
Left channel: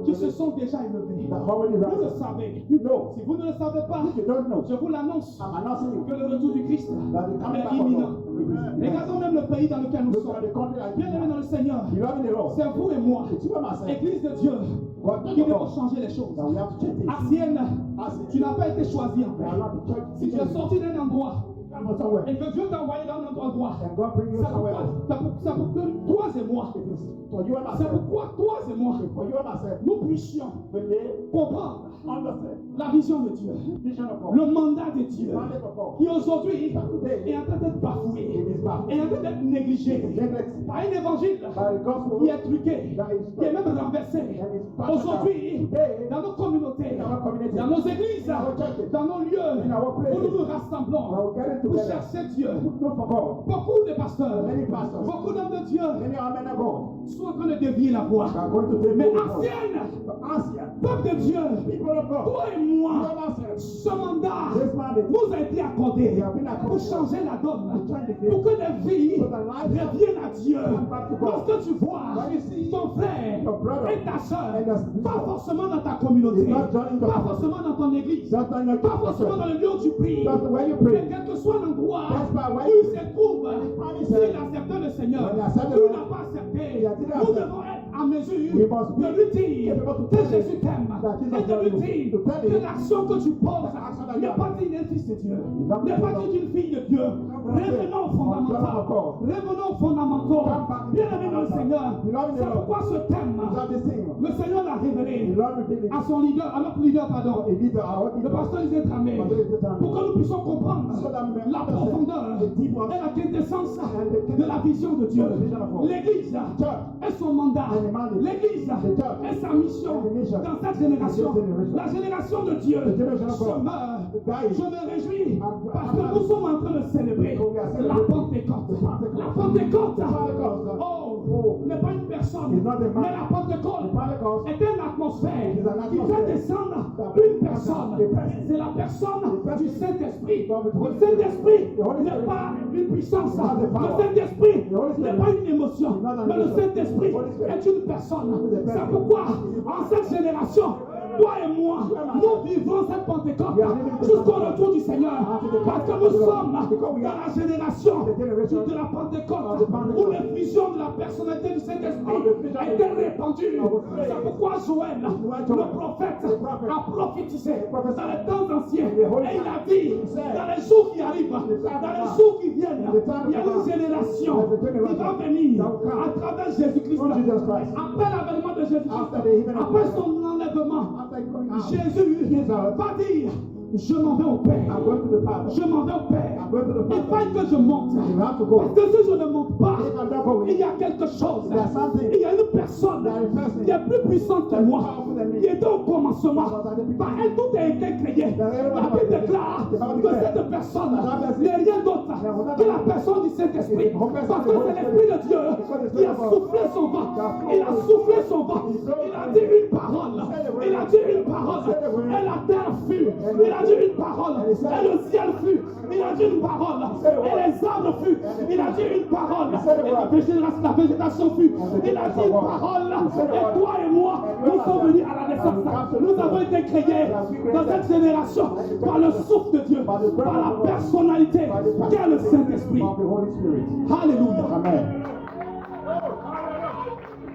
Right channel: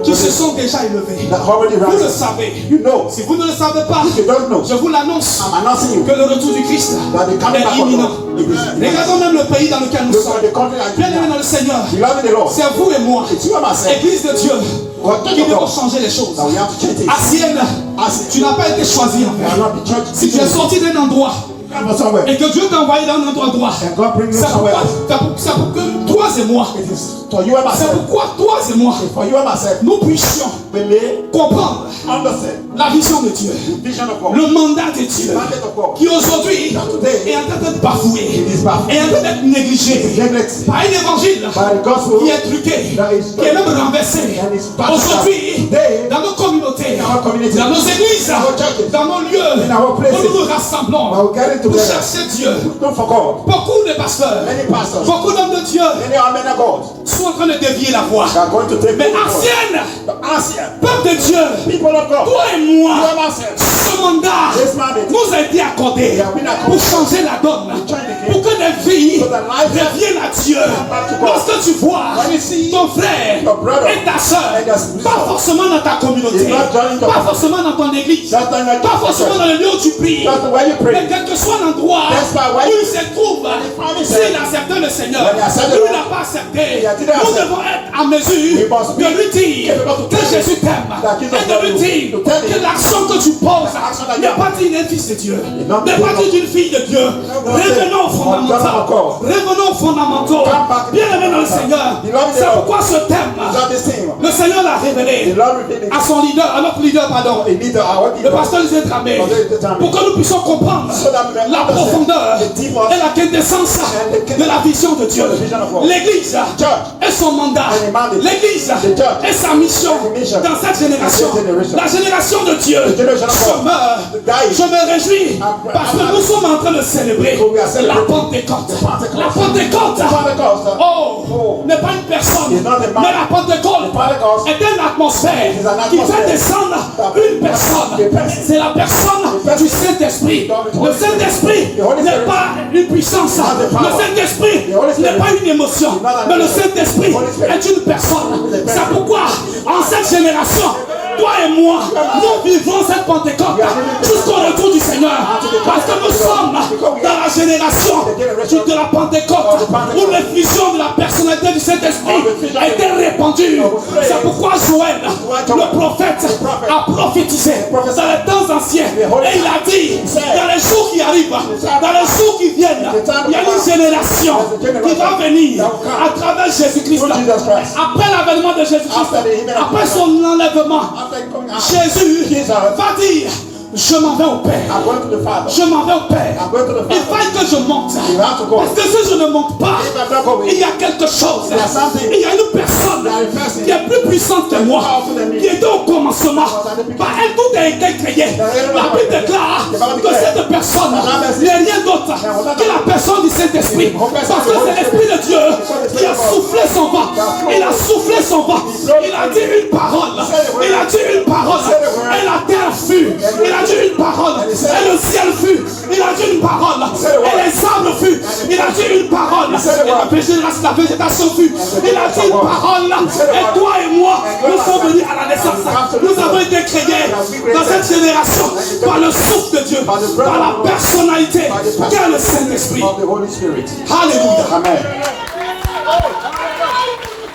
qui se sont déjà élevés. Vous le savez. Si vous ne le savez pas, je vous l'annonce que le retour du Christ est imminent. Regardons même le pays dans lequel nous sommes. Bien aimé dans le Seigneur, c'est vous et moi, Église de Dieu, qui devons changer les choses. Asienne, tu n'as pas été choisi en fait. Si tu es sorti d'un endroit et que Dieu t'a envoyé dans un endroit droit, c'est pour que toi et moi, c'est pourquoi toi et moi, nous puissions comprendre la vision de Dieu, le mandat de Dieu, qui aujourd'hui est en train d'être bafoué, est en train d'être négligé par un évangile qui est truqué, qui est même renversé. Aujourd'hui, dans nos communautés, dans nos églises, dans nos lieux, où nous nous rassemblons pour chercher Dieu. Beaucoup de pasteurs, beaucoup d'hommes de Dieu sont en train de dévier la voie. Mais ancienne, peuple de Dieu, toi et moi, ce mandat nous a été accordé pour changer la donne, pour que des vies reviennent à Dieu. Lorsque tu vois ton frère et ta soeur, pas forcément dans ta communauté, pas forcément dans ton église, pas forcément dans le lieu où tu pries, mais quel que soit l'endroit où il se trouve, s'il a accepté le Seigneur, ou il n'a pas accepté, nous devons être en mesure de lui dire que Jésus t'aime et de lui dire que l'action que tu poses n'est pas d'une fils de Dieu, n'est pas d'une fille de Dieu. Revenons aux fondamentaux. Revenons aux fondamentaux. Bien aimé dans le Seigneur. C'est pourquoi ce thème, le Seigneur l'a révélé à son leader, à notre leader, pardon, le pasteur Lisée Tramé, pour que nous puissions comprendre la profondeur et la quintessence de la vision de Dieu. L'église et son mandat, l'église et sa mission dans cette génération, la génération de Dieu. Je me réjouis parce que nous sommes en train de célébrer la Pentecôte. La Pentecôte, n'est pas une personne, mais la Pentecôte est une atmosphère qui fait descendre une personne. C'est la personne du Saint-Esprit. Le Saint-Esprit n'est pas une puissance. Le Saint-Esprit n'est pas une émotion, mais le Saint-Esprit est une personne. C'est pourquoi en cette génération, toi et moi, nous vivons cette Pentecôte jusqu'au retour du Seigneur. Parce que nous sommes dans la génération de la Pentecôte où l'effusion de la personnalité du Saint-Esprit a été répandue. C'est pourquoi Joël, le prophète, a prophétisé dans les temps anciens. Et il a dit, dans les jours qui arrivent, dans les jours qui viennent, il y a une génération qui va venir à travers Jésus-Christ. Après l'avènement de Jésus-Christ, après son enlèvement, Jésus va dire, je m'en vais au Père. Je m'en vais au Père. Il faut que je monte. Parce que si je ne monte pas, il y a quelque chose. Il y a une personne qui est plus puissante que moi, qui était au commencement. Par elle, tout a été créé. La Bible déclare que cette personne n'est rien d'autre que la personne du Saint-Esprit. Parce que c'est l'Esprit de Dieu qui a soufflé son vent. Il a soufflé son vent. Il a dit une parole. Il a dit une parole. Et la terre fut. Il a dit une parole, et le ciel fut. Il a dit une parole, et les arbres furent. Il a dit une parole. Et la végétation fut. Il a dit une parole. Et toi et moi, nous sommes venus à la naissance. Nous avons été créés dans cette génération par le souffle de Dieu, par la personnalité qu'est le Saint-Esprit. Alléluia. Amen.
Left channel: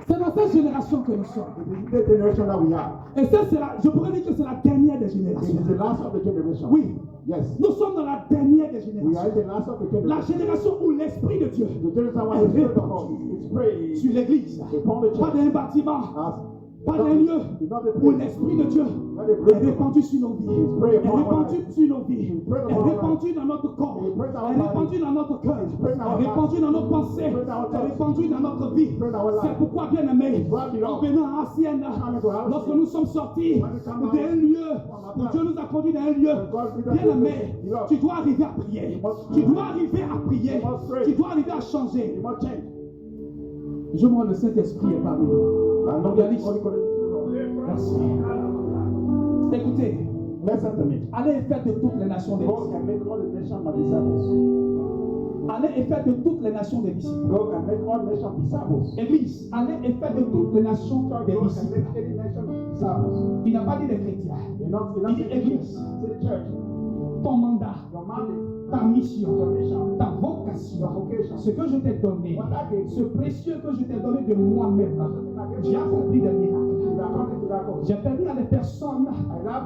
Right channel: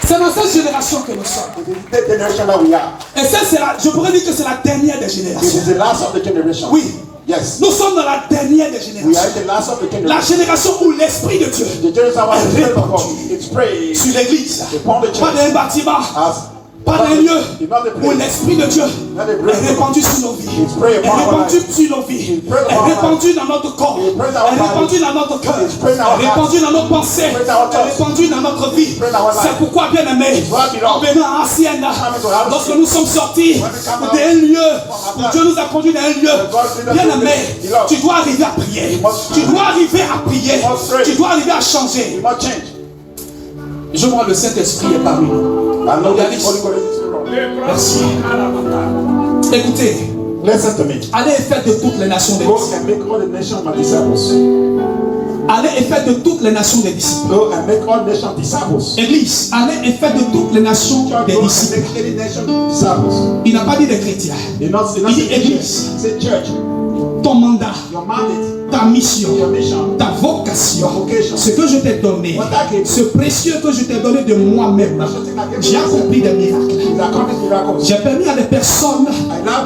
C'est dans cette génération que nous sommes. The generation that we are. Et ça, je pourrais dire que c'est la dernière des It générations. is the last of the generation. Oui. Yes. Nous sommes dans la dernière des We are générations. in the last of the La generation. génération où l'Esprit de Dieu The generation where the Spirit of God is praying sur l'église, upon the pas church d'un bâtiment, as pas d'un lieu not the où place. l'Esprit de Dieu est répandu sur nos vies, est répandu sur nos vies, est répandu dans notre corps, est répandu dans notre cœur, est répandu dans nos pensées, est répandu dans notre vie. C'est pourquoi, bien aimé, en venant à Ancienne, lorsque nous sommes sortis d'un lieu où Dieu nous a conduits dans un lieu, bien aimé, tu dois arriver à prier, tu dois arriver à prier, tu dois arriver à changer. You must change. Je vois le Saint-Esprit est parmi nous. I know that Organise. Holy Spirit is around. Merci. Écoutez, Listen to me. allez et faites de toutes les nations des Go disciples. and make all the nations my disciples. Allez et faites de toutes les nations des disciples. Go and make all nations disciples. Église, allez et faites de toutes les nations Church, des go and disciples. make any nation disciples. Il n'a pas dit des chrétiens. You're not Il dit saying église. church. Say church. Ton mandat, Your mandate, ta mission, your mission, ta vocation, ce que je t'ai donné, ce précieux que je t'ai donné de moi-même, j'ai accompli des miracles. is accomplish miracles. J'ai permis à des personnes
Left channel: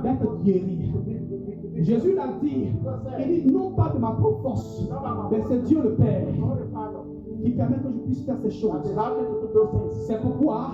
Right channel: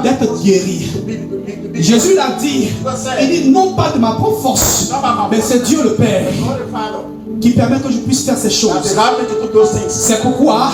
d'être guéries. Jésus l'a dit, il dit non pas de ma propre force, mais c'est Dieu le Père God the Father qui permet que je puisse faire ces that choses. allowed me to do those things. C'est pourquoi,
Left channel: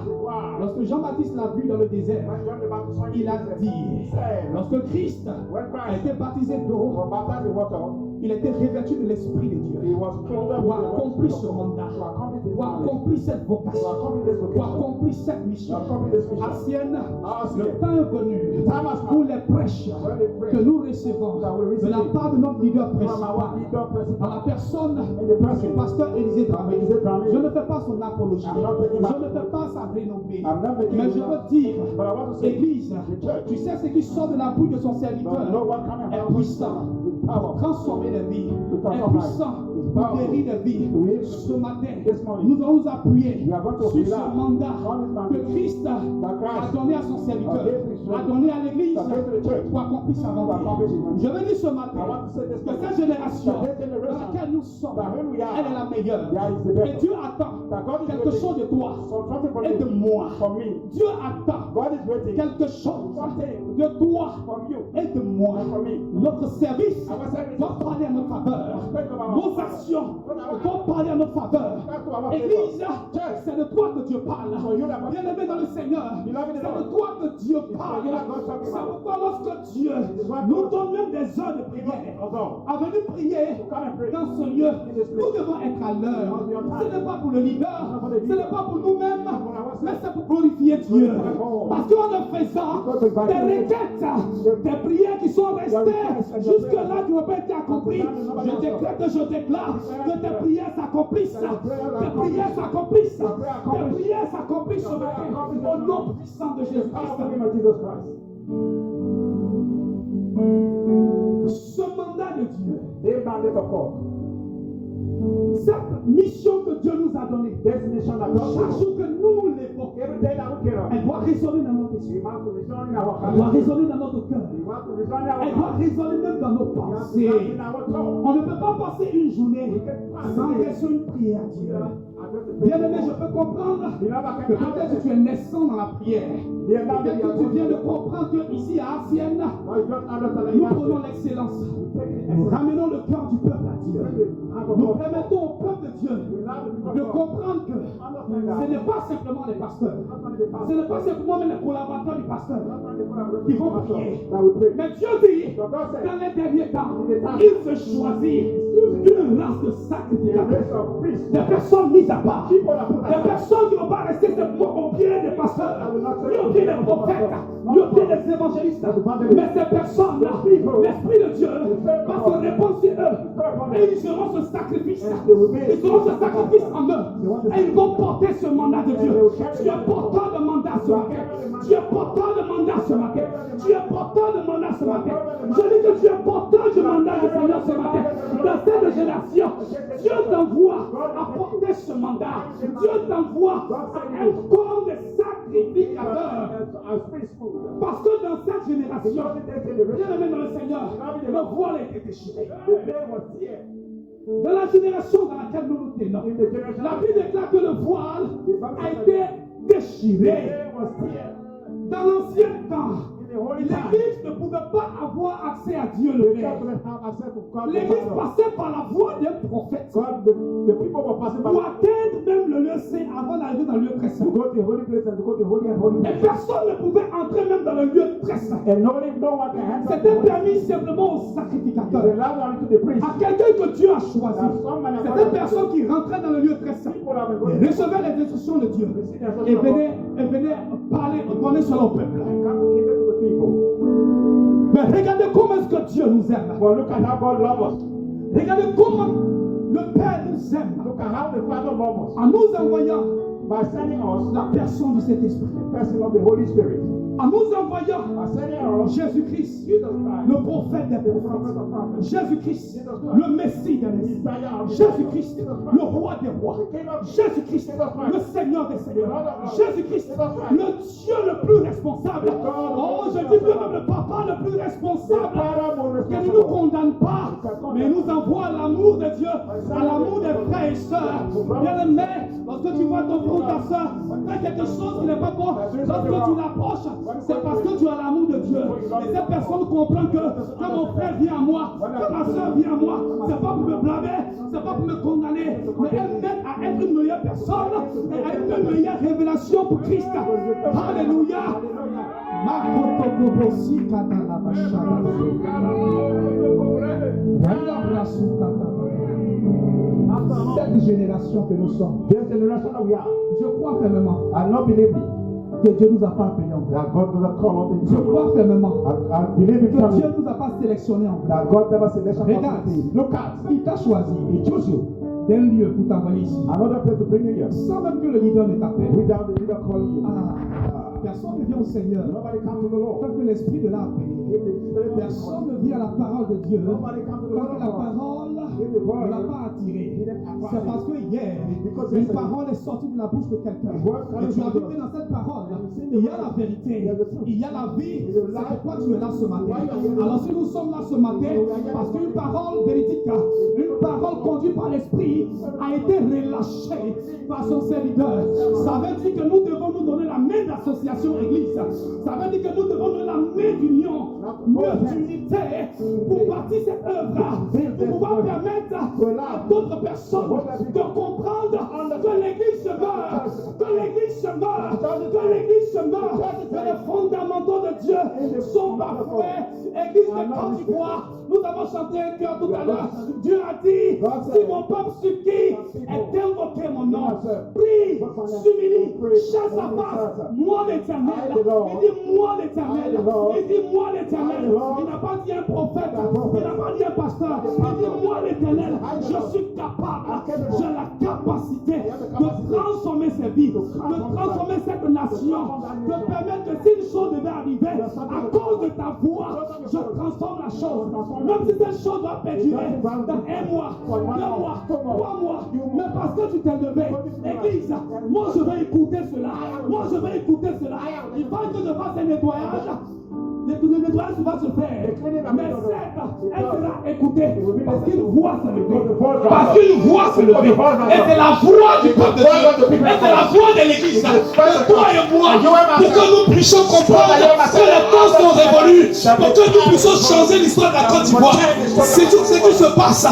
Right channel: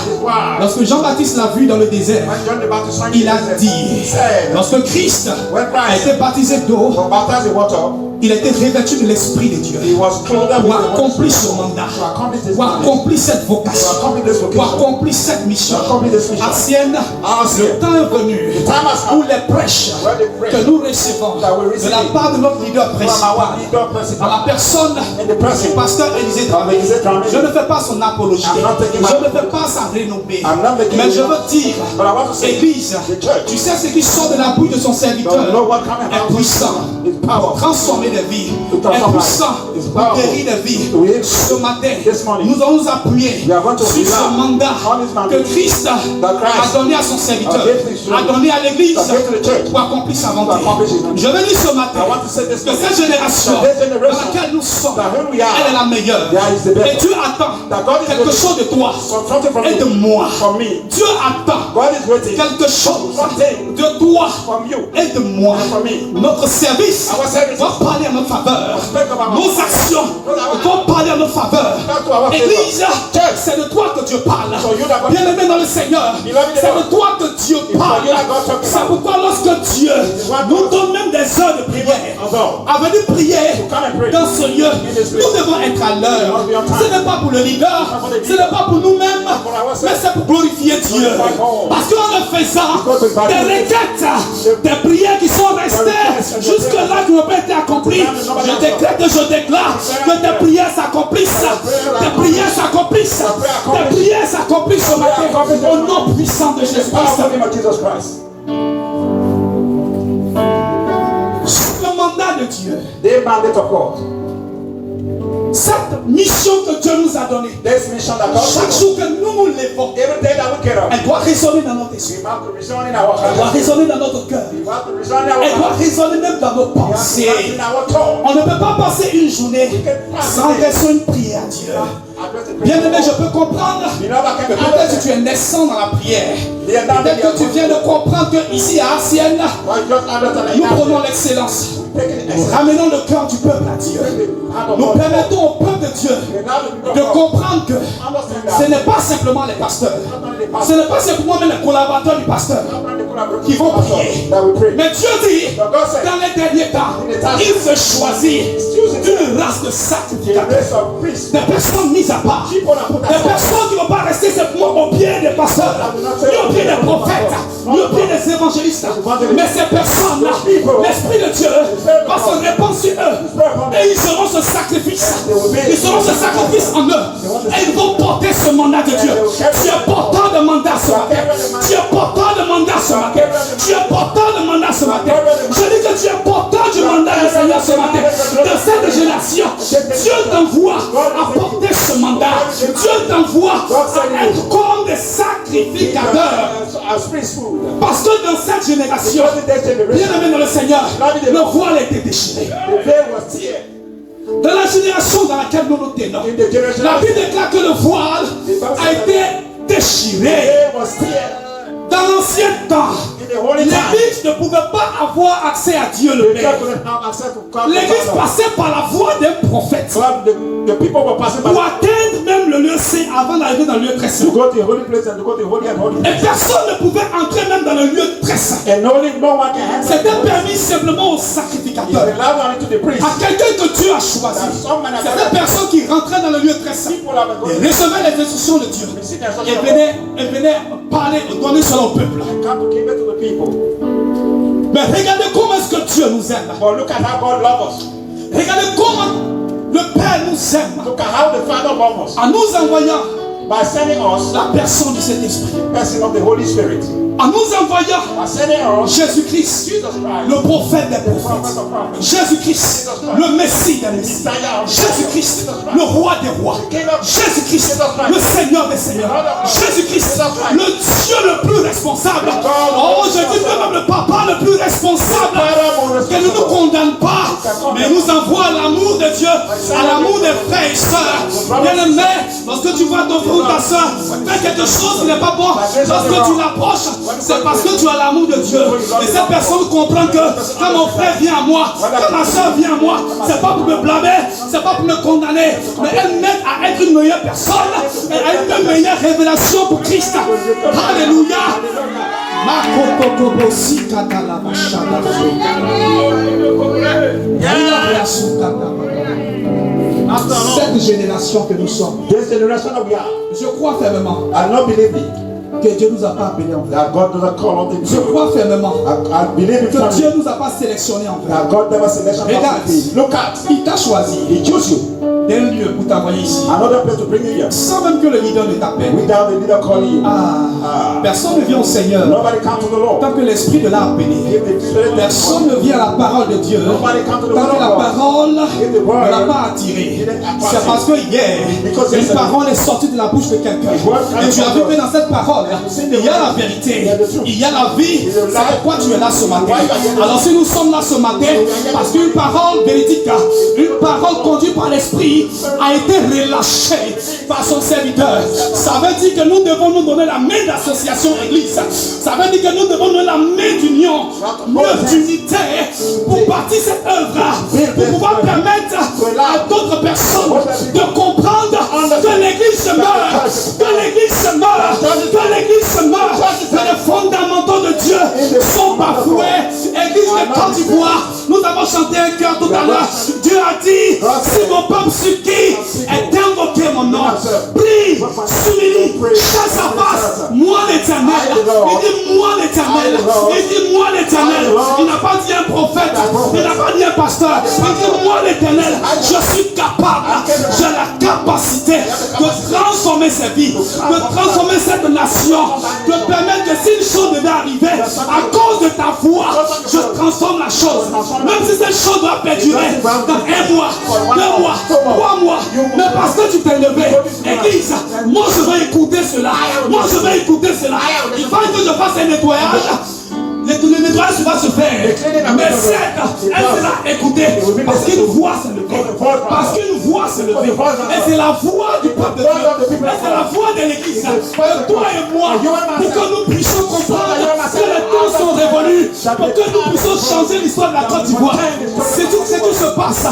lorsque Jean-Baptiste l'a vu dans le désert, When John the Baptist sang il a he dit, said, lorsque Christ when a Christ été baptisé d'eau, was baptized in water, il a été revêtu de l'Esprit de Dieu he was clothed with pour the Holy accomplir Spirit. son mandat, To accomplish this pour mandate. accomplir cette To vocation, accomplish this pour vocation. accomplir cette mission. To accomplish this mission. Ancienne, Ancienne. le temps est venu time has où come les prêches where the prêches que nous recevons that we receive de la part de notre leader from our principal, leader dans principal la personne in the du person pasteur Élisée of Dramé, Élisée Dramé. je ne fais pas son apologie, I'm not taking je my- ne fais pas sa renommée, I'm not making mais it je up. veux dire, But I want to say, Église, the church, tu sais ce qui sort de la bouche de son serviteur don't know what coming est out puissant, is power. transformer des vies, To est transform puissant lives. Is pour powerful. guérir des vies. To heal. Ce matin, This morning, nous allons nous appuyer we are going to sur rely ce mandat on this mandate que Christ that Christ a donné à son serviteur, has given his a donné à l'église has given to the church pour accomplir sa volonté. to accomplish his will. Je veux dire ce matin I want to say this que morning cette génération that this dans generation laquelle nous sommes, that who we are, elle est la meilleure. yeah, is the best. Et Dieu attend that God is quelque waiting chose de toi for something from et de you, moi. from me. Dieu attend God is waiting quelque chose something de toi from you. et de moi. And from me. Notre service Our services va parler à notre faveur. speak of our- Nos actions vont parler à notre faveur. Not to our favor. Église, Church. c'est de toi que Dieu parle. So you that God- Bien aimé dans le Seigneur, Beloved in c'est the de toi que Dieu parle. you that God talking C'est about. pourquoi lorsque Dieu what nous donne même des heures de prière, Although, à venir prier come and pray. dans ce lieu, this place. nous devons être à l'heure. must be on time. Ce n'est pas pour le leader, for the ce n'est pas pour nous-mêmes, for ourselves. mais c'est pour glorifier Dieu. Glorify God. Parce qu'en le faisant, Because it's by des faith. requêtes, des prières qui sont restées jusque-là qui n'ont pas été accomplies, je décrète et je déclare que tes prières s'accomplissent, tes prières s'accomplissent, tes prières s'accomplissent ce matin au nom puissant de the Jésus-Christ. powerful name of Jesus Christ. Le mandat de Dieu, The mandate of God. cette mission que Dieu nous a donnée, This mission that God chaque has. jour que nous nous levons, Every day that we get up, elle doit résonner dans notre esprit, we have to resign in our elle doit hearts. résonner dans notre cœur, We have to resign in our elle doit hearts. résonner même dans nos We have to pensées. resign in our tongue. On ne peut pas passer une journée sans adresser une prière à Dieu. Address the Bien aimé, prayer. je peux comprendre You know that que can peut-être tu es naissant dans la prière. Peut-être que tu viens de comprendre qu'ici à Ancienne, Well, just understand nous that prenons l'excellence. taking Nous excellence. ramenons le cœur du peuple à Dieu. Nous permettons au peuple de Dieu de comprendre que ce n'est pas simplement les pasteurs. Ce n'est pas simplement même les collaborateurs du pasteur qui vont prier. that we pray. Mais Dieu dit, dans les derniers temps, il se choisit d'une race de The sacrificateurs. race of priests. Des personnes mises à part. Des personnes qui ne vont pas rester simplement au pied des pasteurs, ni au pied des prophètes, ni au pied des évangélistes. Mais ces personnes-là, l'Esprit de Dieu va se répandre sur eux. Et ils seront ce sacrifice. Ils seront ce sacrifice en eux. Et ils vont porter ce mandat de Dieu. Tu es porteur de mandat ce matin. Tu es porteur de mandat ce matin. Tu es porteur de mandat ce matin. Je dis que tu es porteur du mandat du Seigneur ce matin. De cette génération. Dieu t'envoie à porter ce mandat. Dieu t'envoie à être comme des sacrificateurs. Parce que dans cette génération, bien aimé dans le Seigneur, le voile a été déchiré. Dans la génération dans laquelle nous nous tenons, la Bible déclare que le voile a été déchiré. Dans l'ancien temps, l'Église ne pouvait pas avoir accès à Dieu le Père. L'Église passait par la voie d'un prophète pour atteindre même le lieu saint avant d'arriver dans le lieu très saint. Et personne ne pouvait entrer même dans le lieu très saint. C'était permis simplement aux sacrificateurs, à quelqu'un que Dieu a choisi. C'était personne qui rentrait dans le lieu très saint et recevait les instructions de Dieu et venait parler, donner cela au peuple. Mais regardez comment est-ce que Dieu nous aime. Regardez comment le Père nous aime. En nous envoyant la personne du Saint-Esprit. En nous envoyant Jésus-Christ, le prophète des prophètes. Jésus-Christ, le Messie des Messies. Jésus-Christ, le roi des rois. Jésus-Christ, le Seigneur des seigneurs. Jésus-Christ, le Dieu le plus responsable. Oh, je dis que même le Papa le plus responsable, qui ne nous condamne pas, mais nous envoie à l'amour de Dieu, à l'amour des frères et sœurs. Bien-aimé, lorsque tu vois ton frère ou ta soeur faire quelque chose qui n'est pas bon, lorsque tu l'approches, c'est parce que tu as l'amour de Dieu. Et cette personne comprend que quand mon frère vient à moi, quand ma soeur vient à moi, c'est pas pour me blâmer, c'est pas pour me condamner, mais elle m'aide à être une meilleure personne et à une meilleure révélation pour Christ. Alléluia. Cette génération que nous sommes, je crois fermement que Dieu nous a pas appelés en vrai. Je crois fermement que Dieu nous a pas sélectionnés en vrai. Regarde, il t'a choisi d'un lieu pour t'envoyer ici, sans même que le leader ne t'appelle. Personne ne vient au Seigneur tant que l'Esprit de l'a appelé. Personne ne vient à la parole de Dieu tant que la parole ne l'a pas attiré. C'est parce que hier, une parole est sortie de la bouche de quelqu'un et tu as vu que dans cette parole il y a la vérité, il y a la vie. C'est pourquoi tu es là ce matin. Alors si nous sommes là ce matin, parce qu'une parole véridique, une parole conduite par l'Esprit a été relâchée par son serviteur, ça veut dire que nous devons nous donner la main d'association église. Ça veut dire que nous devons donner la main d'union, d'unité pour bâtir cette œuvre, pour pouvoir permettre à d'autres personnes de comprendre que l'église se meurt, que l'église se meurt, que l'église se meurt, que les fondamentaux de Dieu sont bafoués. Église de Côte d'Ivoire, nous avons chanté un cœur tout à l'heure. Dieu a dit, si mon peuple sur qui est invoqué mon nom, prie, s'humilie, chasse sa face, moi l'éternel. Il dit moi l'éternel. Il dit moi l'éternel. Il n'a pas dit un prophète, il n'a pas dit un pasteur. Il dit moi l'éternel. Je suis capable, j'ai la capacité de transformer ces vies, de transformer cette nation, de permettre que si une chose devait arriver, à cause de ta voix, je transforme la chose. Même si cette chose doit perdurer dans 1 mois, 2 mois, 3 mois, mais parce que tu t'es levé, église, moi je vais écouter cela, moi je vais écouter cela. Il faut que je fasse un nettoyage. Le nettoyage va se faire, mais elle sera écoutée parce qu'une voix s'est levée, parce qu'une voix s'est levée, et c'est la voix du peuple de Dieu, et c'est la voix de l'église, de toi et moi, pour que nous puissions comprendre que les temps sont révolus, pour que nous puissions changer l'histoire de la Côte d'Ivoire. C'est tout ce qui se passe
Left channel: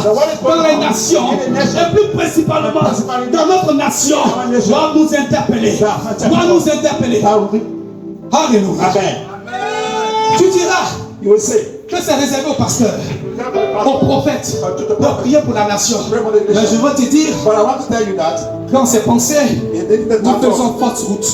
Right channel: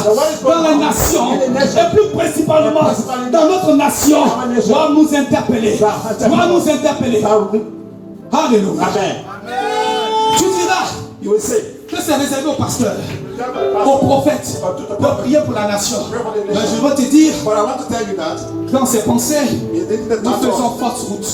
dans les nations, et plus principalement dans notre nation, doit nous interpeller, doit nous interpeller. Alléluia. Amen. Tu diras que c'est réservé aux pasteurs, aux prophètes, de prier pour la nation. Mais je veux te dire, dans ces pensées, nous faisons forte route.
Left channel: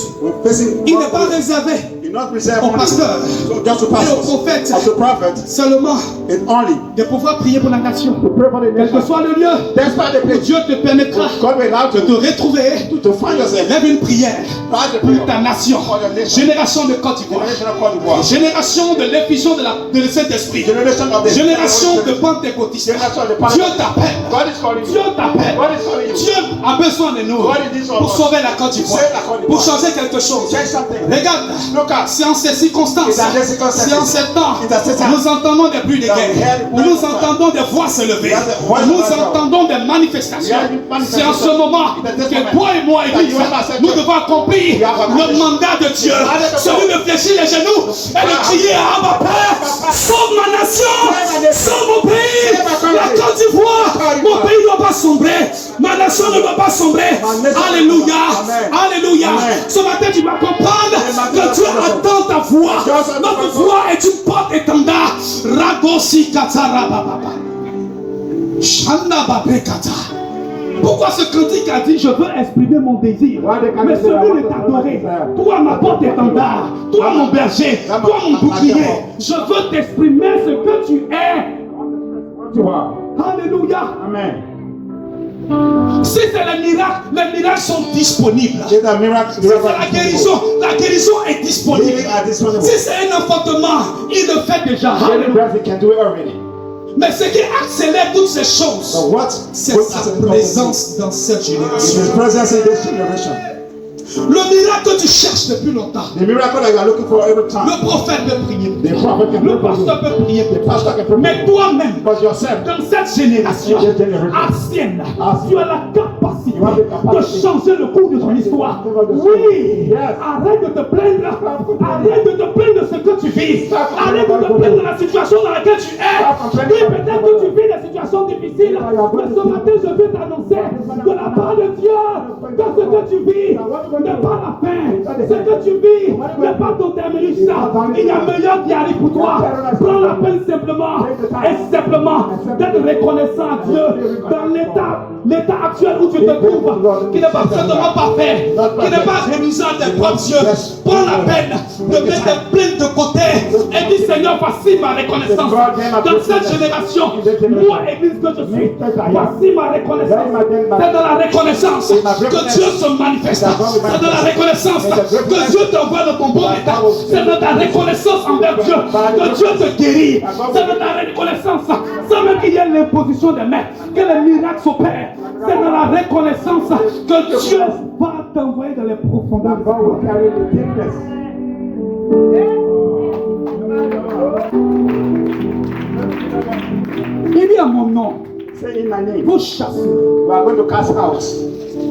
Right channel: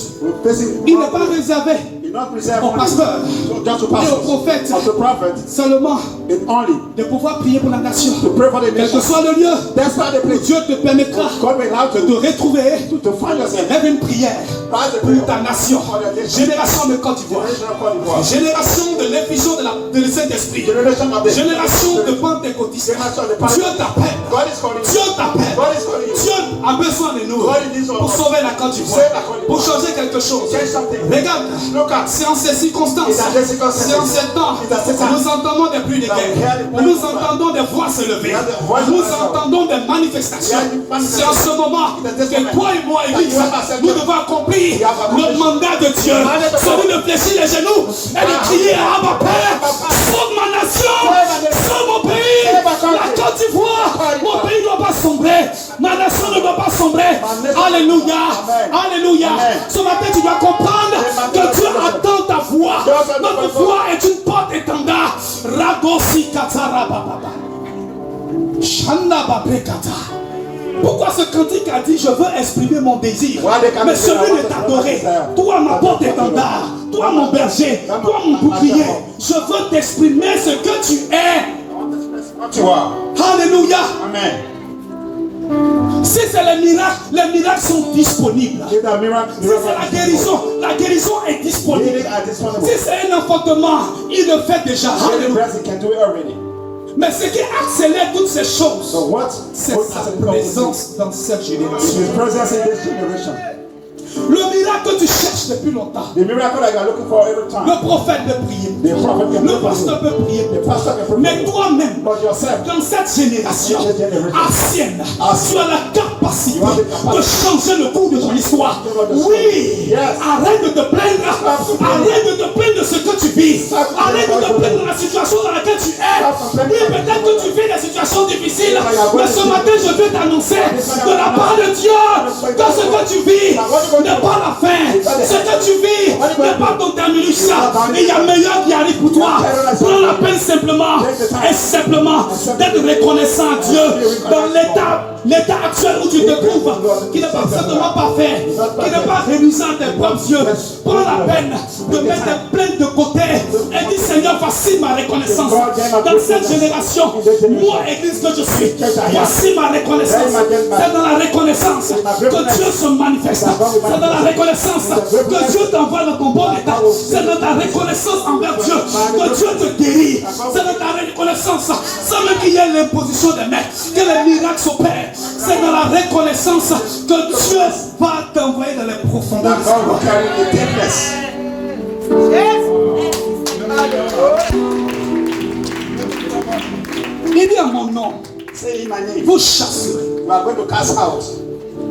Il n'est pas réservé He not reserved au only pasteur just to et au pastors, prophète as a prophet, seulement and only de pouvoir prier pour la nation. to pray for the Quel que nation. soit le lieu Despite the où place, Dieu te permettra God will allow de te you retrouver, to find yourself. rêve une prière Pas de pour prayer ta nation. for your nation. Génération de Côte d'Ivoire. Generation of Côte d'Ivoire. Génération de l'effusion de Saint-Esprit. Generation of the Génération de pentecôtistes. Generation of the Dieu t'appelle. God is calling you. Dieu t'appelle. God is calling you. Dieu a besoin de nous pour sauver la Côte d'Ivoire, Save la Côte d'Ivoire. pour changer quelque chose. Change something. Regarde, Look at. c'est en ces circonstances, It's at this circumstance. c'est en ces temps, It's at this time. nous entendons des bruits de That we guerre, heard où nous entendons des voix se lever, We heard the voice nous of God. entendons des manifestations. We heard the C'est en ce moment It's at this que moment. toi et moi, Église, That you have accepted. nous devons accomplir We have le accomplished. mandat de Dieu, The mandate of celui God. de fléchir les genoux et de crier à Abba Père, sauve ma nation, sauve mon pays, Save my country. la Côte d'Ivoire, mon pays ne doit pas sombrer, ma nation ne doit pas sombrer. Alléluia, Amen. alléluia. Amen. Ce matin, tu dois comprendre que Dieu attend ta voix. Notre voix est une porte étendard. Ragosi katara bababa. Shanda babekata. Pourquoi ce cantique a dit je veux exprimer mon désir, mais celui de t'adorer, toi ma porte étendard, toi mon berger, toi mon bouclier, je veux t'exprimer ce que tu es. What you are. Alléluia. Amen. Si c'est les miracles sont disponibles. Give the miracle. Si c'est la guérison est disponible. Healing at this moment. Si c'est un enfantement, il le fait déjà. Healing Alléluia. breast, he can do it already. Mais ce qui accélère toutes ces choses, So what? c'est sa présence dans cette It's génération. his presence in this generation. Le miracle que tu cherches depuis longtemps, The miracle that you are looking for every time. le prophète peut prier, The prophet can le pray for pasteur you. peut prier, The pastor can pray for mais you. toi-même, But yourself, dans cette génération ancienne, tu as la capacité de changer le cours de ton histoire. Oui, arrête de te plaindre, arrête de te plaindre de ce que tu vis, arrête de te plaindre de la situation dans laquelle tu es. Oui, peut-être que tu vis des situations difficiles, mais ce matin je veux t'annoncer de la part de Dieu que ce que tu vis n'est pas la fin, ce que tu vis n'est pas ton terminus. Il y a meilleur qui arrive pour toi. Prends la peine simplement et simplement d'être reconnaissant à Dieu dans l'état actuel où tu te trouves, qui n'est pas certainement parfait, qui n'est pas réduisant à tes propres yeux. Prends la peine de mettre tes plaintes de côté et dis Seigneur, voici ma reconnaissance. Dans cette génération, moi, Église que je suis, voici ma reconnaissance. C'est dans la reconnaissance que Dieu se manifeste. C'est dans la reconnaissance que Dieu t'envoie dans ton bon état. C'est dans ta reconnaissance envers Dieu que Dieu te guérit. C'est dans ta reconnaissance, sans même qu'il y ait l'imposition des mains, que les miracles s'opèrent. C'est dans la reconnaissance que Dieu va t'envoyer dans les profondeurs. that God will carry the deepness. Il dit à mon nom, Say in my name. vous chasserez. We are going to cast out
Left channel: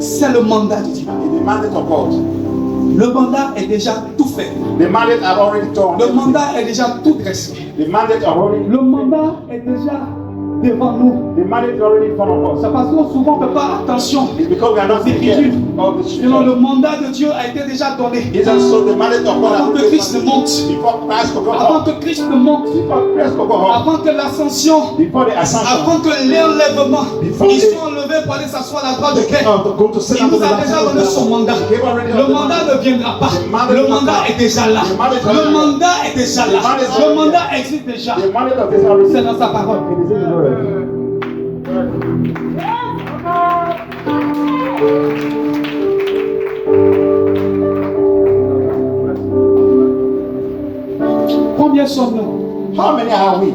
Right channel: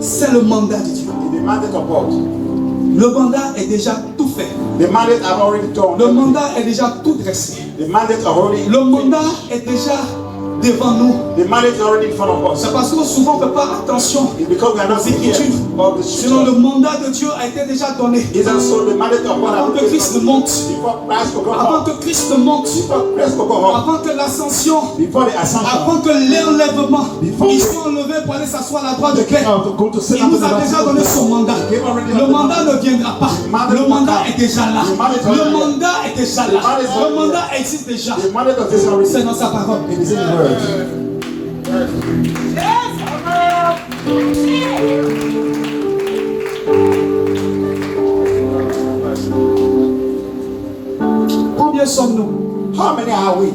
C'est le mandat de Dieu. the mandate of God. Le mandat est déjà tout fait. The mandate are already done. Le mandat est déjà tout dressé. The mandate are already. Le mandat est déjà devant nous. The mandate is already in front of us. C'est parce que souvent on ne fait pas attention. It's because we are not aux taking Écritures. care of the Sinon scripture. le mandat de Dieu a été déjà donné. It's also the mandate of God. Avant que Christ ne monte. Before Christ will go Avant up. que Christ ne monte. Before Christ will go up. Avant que l'ascension. Before the ascension. Avant que l'enlèvement. Ils sont enlevés pour aller s'asseoir à la droite de Père. Il nous a déjà donné son mandat. Le mandat ne viendra pas. Le mandat est déjà là. Le mandat est déjà là. Le mandat existe déjà. The mandate of this already. C'est dans sa parole. It is in the word. Combien sommes-nous How many are we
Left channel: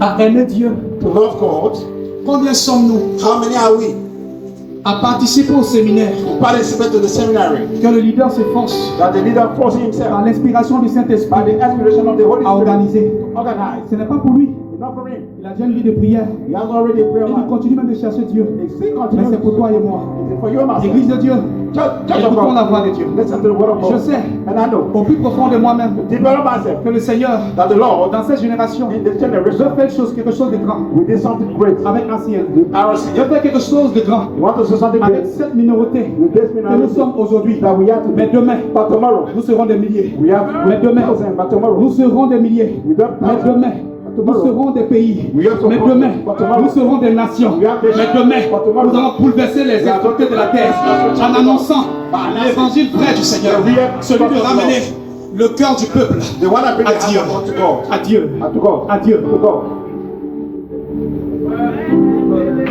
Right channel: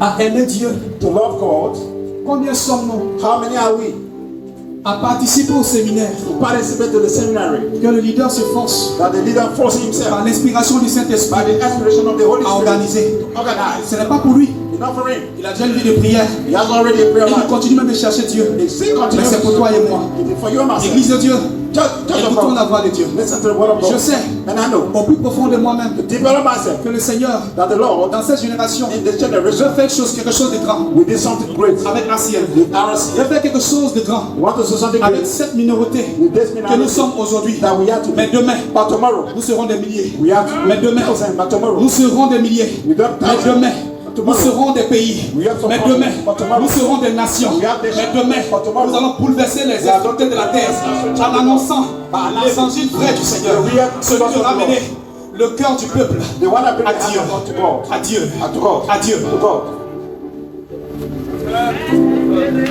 à aimer Dieu? to love God? Combien sommes-nous How many are we à participer au séminaire? to participate to the seminary? Que le leader se force That the leader force himself par l'inspiration du by Saint-Esprit the inspiration of the Holy à Spirit organiser. to organize. Ce n'est pas pour lui. It's not for him. Il a déjà une vie de prière. He has already a prayer Et il life. continue même de chercher Dieu. He still Mais continues. c'est pour toi et moi. It is for you and myself. Église de Dieu, Church of écoutons la God. voix de Dieu. Listen to the word of God. Je sais, And I know au plus profond de moi-même, deeper in myself que le Seigneur, that the Lord dans cette génération, in this veut generation faire quelque chose de grand will do something great avec Asiel. with Il RC. veut faire quelque chose de grand We want to do something avec great cette minorité with this que nous minority sommes aujourd'hui. that we have to Mais do. demain, But tomorrow nous serons des milliers. we have Mais demain, thousands. But tomorrow nous serons des milliers. we got Mais thousands. demain, nous serons des pays. Mais demain, nous serons des nations. Mais demain, nous allons bouleverser les autorités de la terre en annonçant l'évangile vrai du Seigneur. Celui de ramener le cœur du peuple The one that brings à the Dieu. heart to God. À Dieu. To God. À Dieu. To God.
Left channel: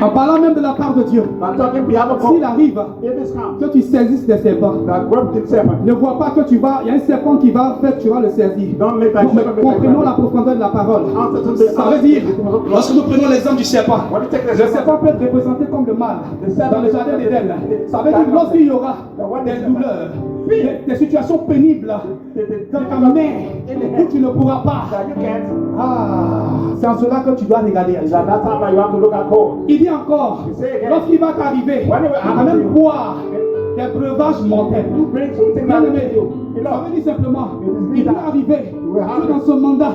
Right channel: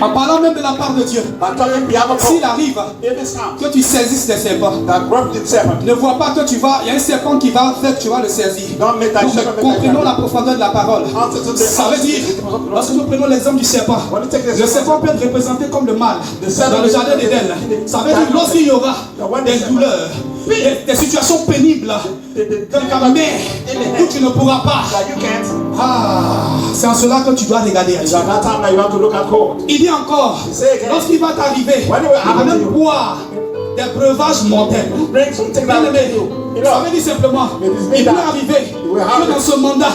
En parlant même de la part de Dieu. I'm telling you, behalf of S'il God. arrive If it's time que tu saisisses des serpents, that broke the serpent, ne vois pas que tu vas, il y a un serpent qui va faire que tu vas le saisir. don't let that Donc, serpent comprenons la profondeur de la parole. Ça veut dire, lorsque nous prenons l'exemple du serpent, le serpent peut être représenté comme le mal dans le jardin d'Éden. Ça veut dire lorsqu'il y aura des douleurs, des situations pénibles, dans ta mer où tu ne pourras pas. that you can't. C'est en cela que tu dois regarder. It's at that time that you have to look at God. Il dit encore, lorsqu'il va t'arriver, il va même boire des breuvages mortels. Bring something Bien that will aimé, kill you. You ça know, veut dire simplement, il peut arriver que dans ce mandat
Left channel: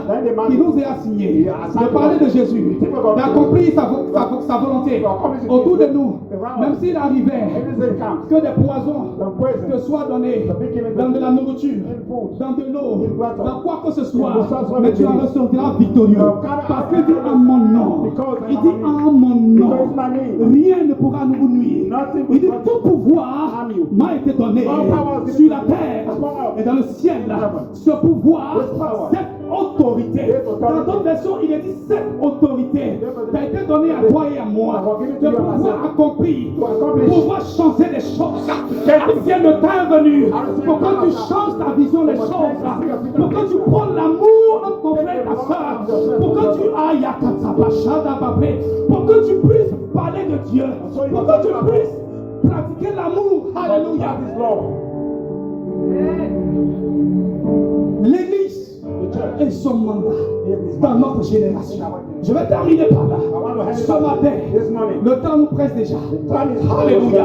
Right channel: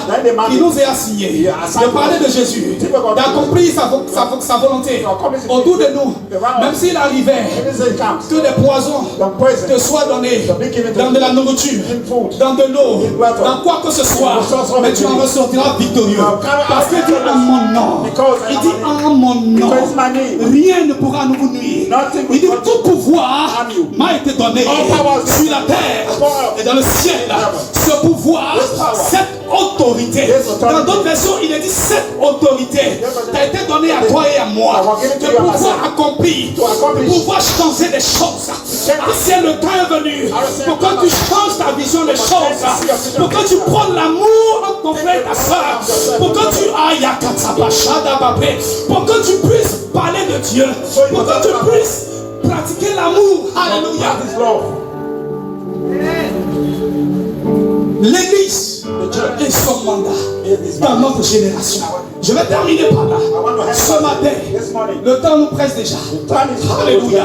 qu'il nous est assigné, de parler de Jésus, d'accomplir sa volonté autour de nous, même s'il arrivait if it comes, que des poisons the poison, te soient donnés dans de la nourriture, dans de l'eau, dans quoi que ce soit, mais tu en ressortiras victorieux. Parce qu'il dit en mon nom, il dit en mon nom, rien ne pourra nous nuire. Il dit tout pouvoir m'a été donné sur la terre et dans le ciel. Ce pouvoir, cette autorité. Dans d'autres versions, il est dit cette autorité t'a été donnée à toi et à moi. De pouvoir accomplir, de pouvoir changer des choses. Si le temps est venu pour que tu changes ta vision des choses, pour que tu prennes l'amour entre ton frère et ta soeur, pour que tu ailles à pour que tu puisses parler de Dieu, pour que tu puisses pratiquer l'amour. Alléluia. L'église est son mandat dans notre génération. Je vais terminer par là. Ce matin, le temps nous presse déjà. Alléluia.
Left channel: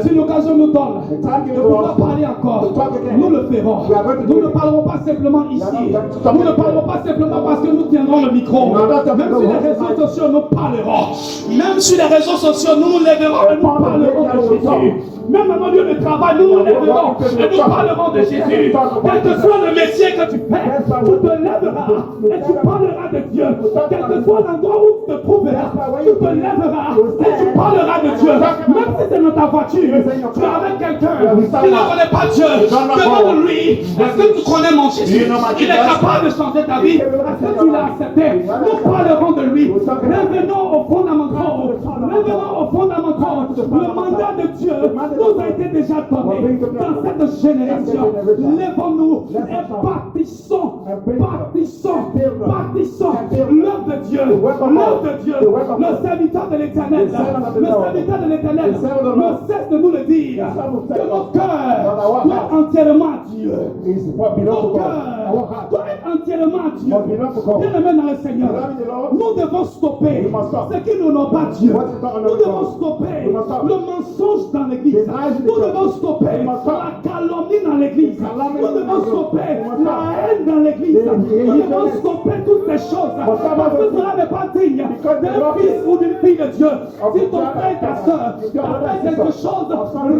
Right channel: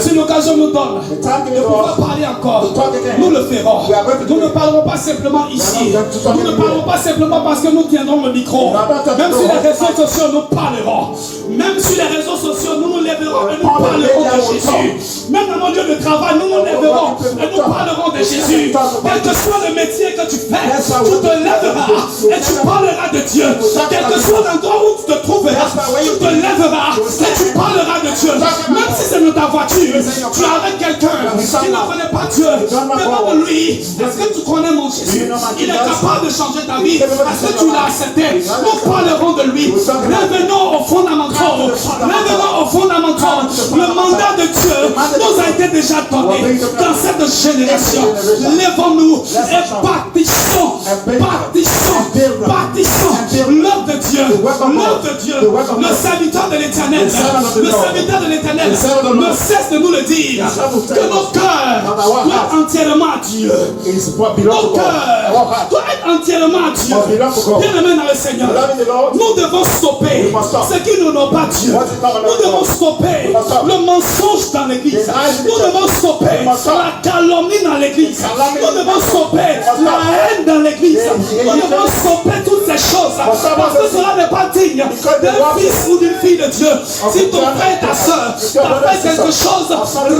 Si l'occasion nous donne de pouvoir parler encore, nous le ferons. Nous ne parlerons pas simplement ici. Nous ne parlerons pas simplement parce que nous tiendrons le micro. Même sur les réseaux sociaux, nous parlerons. Même sur les réseaux sociaux, nous nous lèverons et nous parlerons de Jésus. Même dans nos lieux de travail, nous nous lèverons et nous parlerons de Jésus. Quel que soit le métier que tu fais, tu te lèveras et tu parleras de Dieu. Quel que soit l'endroit où tu te trouveras, tu te lèveras et tu parleras de Dieu. Même si c'est dans ta voiture, tu es avec quelqu'un qui ne connaît pas Dieu, demande-lui, est-ce que tu connais mon Jésus? Il est capable de changer ta vie. Est-ce que tu l'as accepté? Nous parlerons de lui. Revenons aux fondamentaux. Revenons aux fondamentaux. Le mandat de Dieu nous a été déjà donné dans cette génération. Lèvons-nous et bâtissons l'œuvre de Dieu, le serviteur de l'Éternel, ne cesse de nous le dire, que nos cœurs doivent entièrement à Dieu. Nos cœurs doivent être entièrement à Dieu. Bien-aimés dans le Seigneur, nous devons stopper ce qui n'honore pas Dieu. Nous devons stopper le mensonge dans l'église. Nous devons stopper la calomnie dans l'église. Nous devons stopper la haine dans l'église. Nous devons stopper toutes ces choses. Parce que cela n'est pas digne d'un fils ou d'une fille de Dieu. Si ton frère et ta soeur t'a fait quelque chose,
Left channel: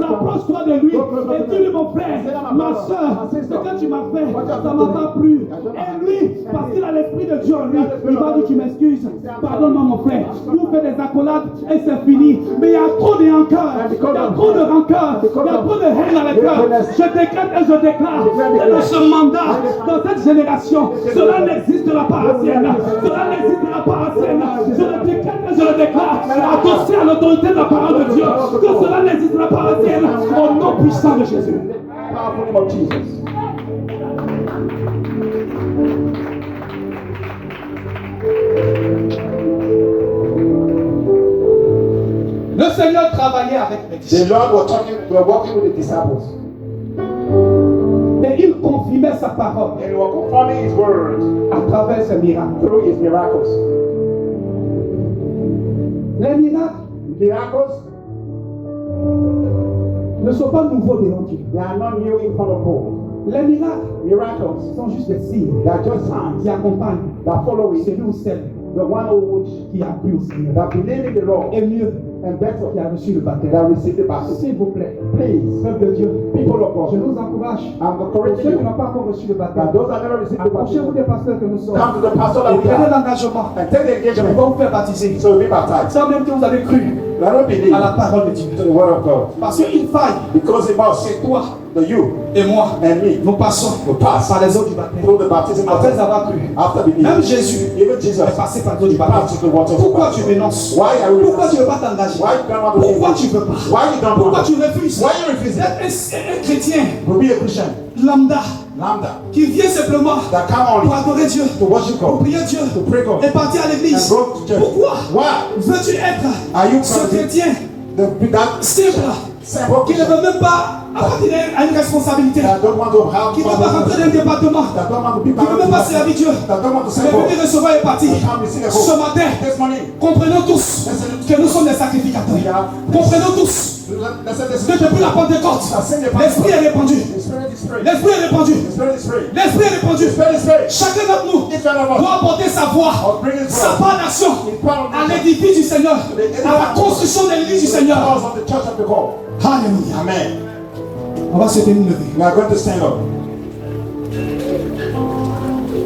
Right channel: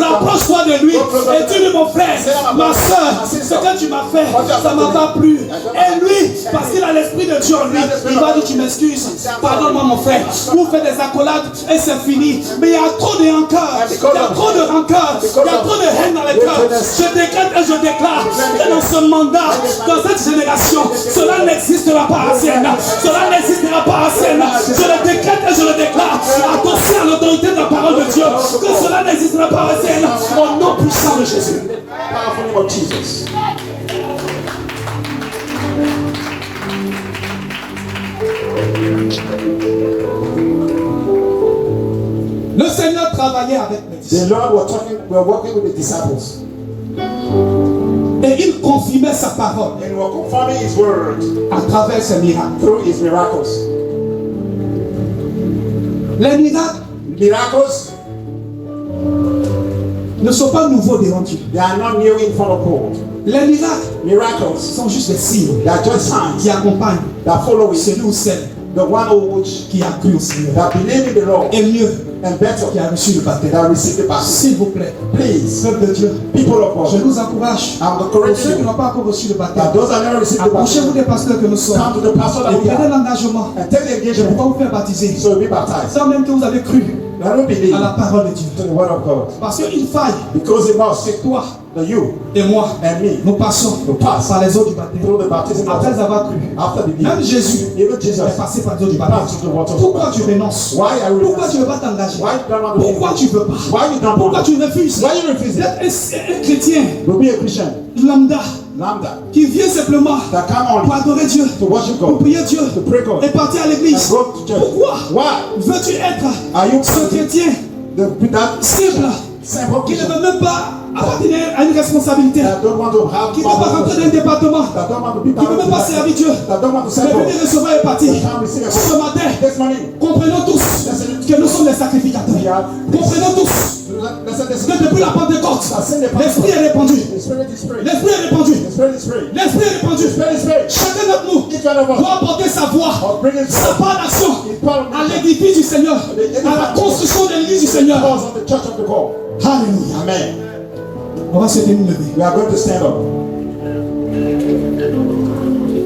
rapproche-toi de lui et dis-lui, mon frère, ma soeur, ce que tu m'as fait, ça ne m'a pas plu. Et lui, parce qu'il a l'esprit de Dieu en lui, il va dire, tu m'excuses, pardonne-moi mon frère. Vous faites des accolades et c'est fini. Mais il y a trop de rancœur, il y a trop de rancœur, il y a trop de haine dans le cœur. Je décrète et je déclare que dans ce mandat, dans cette génération, cela n'existera pas à Sienne. Cela n'existera pas à Sienne. Je le décrète et je le déclare, adossé à l'autorité de la parole de Dieu, que cela n'existera pas à Sienne. Au nom puissant de Jésus. Le Seigneur travaillait avec les disciples. The Lord were walking with the disciples. Et il confirmait sa parole. And were confirming his word à travers ses miracles. through his miracles. Les miracles ne sont pas nouveaux devant Dieu. They are not new in front of God. Les miracles sont juste des signes they are just signs qui accompagnent that follow celui ou celle the one which qui a cru au Seigneur. that believe in the Lord. Et mieux, and better qui a reçu le baptême. that received the baptism. S'il vous plaît, Please, peuple de Dieu, people of je God, vous encourage. I'm Pour encouraging ceux qui you n'ont pas encore reçu le baptême, that those that never received the approchez-vous baptism, des pasteurs que nous sommes come to the pastor that et we prenez are l'engagement and take the de engagement pouvoir vous faire baptiser. so be baptized. Sans même que vous avez cru Let us believe à la parole de Dieu. to the word of God Parce qu'il faille because it must, que toi that you et moi, and me nous passons will pass par les eaux du baptême. through the baptism of Après avoir cru, after même believing. Jésus Even Jesus est passé par les eaux du baptême. passed through the waters of Pourquoi tu baptism. renonces? Why are you Pourquoi tu ne veux pas t'engager? Why you don't want to Pourquoi believe? tu ne veux pas? Why you don't Pourquoi want tu refuses Why you refuse d'être un chrétien to be a Christian? lambda Lambda. qui vient simplement That come pour only adorer Dieu, to worship pour God. prier Dieu To pray God. et partir à l'église? And go to church. Pourquoi Why? veux-tu être Are you ce chrétien that simple simple qui ne Christian veut même pas appartenir à une responsabilité, that don't want to have qui ne veut pas rentrer dans un département, that don't want to be qui ne veut même pas servir Dieu, that don't want to mais serve God. venir recevoir et partir? That come receive a Ce matin, This morning, comprenons tous que nous sommes des sacrificateurs. Comprenons tous que depuis la Pentecôte, l'Esprit est répandu. the Spirit is free. L'Esprit est répandu. The Spirit is free. L'Esprit est répandu. The Spirit is free. Chacun d'entre nous Each one of us doit apporter sa voix, must bring his sa voice. part d'action His part of à mission. l'édifice du Seigneur, à la construction de l'église du Seigneur. Because of the church of the God. Alléluia. Amen. On va se tenir levé. We are going to stand up.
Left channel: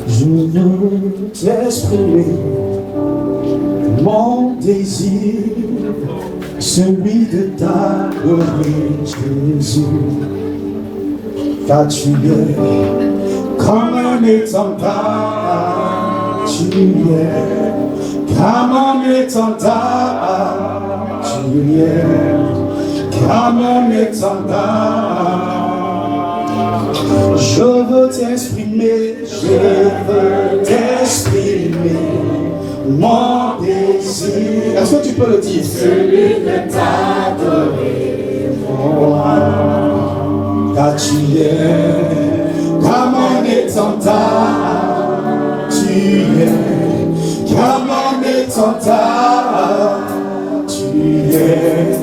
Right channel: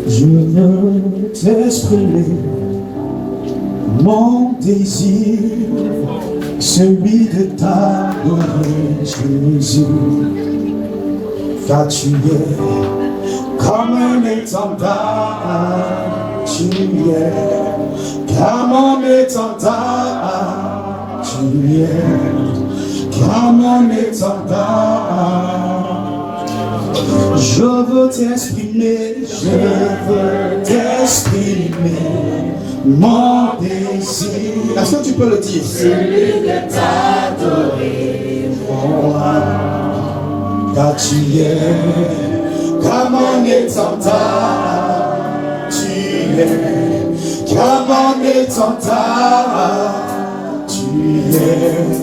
Je veux t'exprimer mon désir, celui de t'adorer, Jésus, car tu es comme un étendard, tu es comme un étendard, tu es comme un étendard. Je veux t'exprimer, mon désir. Est-ce que tu peux le dire? Celui de t'adorer, moi. Car tu es comme un étendard, tu es comme un étendard, tu es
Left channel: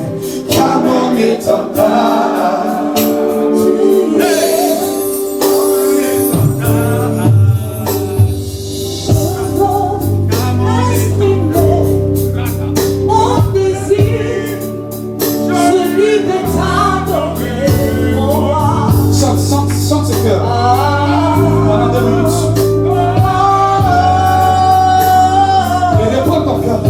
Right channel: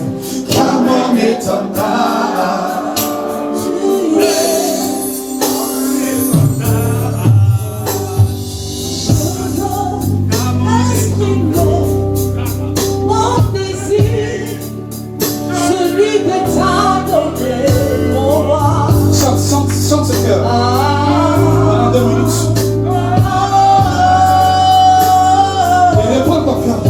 comme un étendard. Chante ce cœur pendant 2 minutes. Et réponds ton cœur.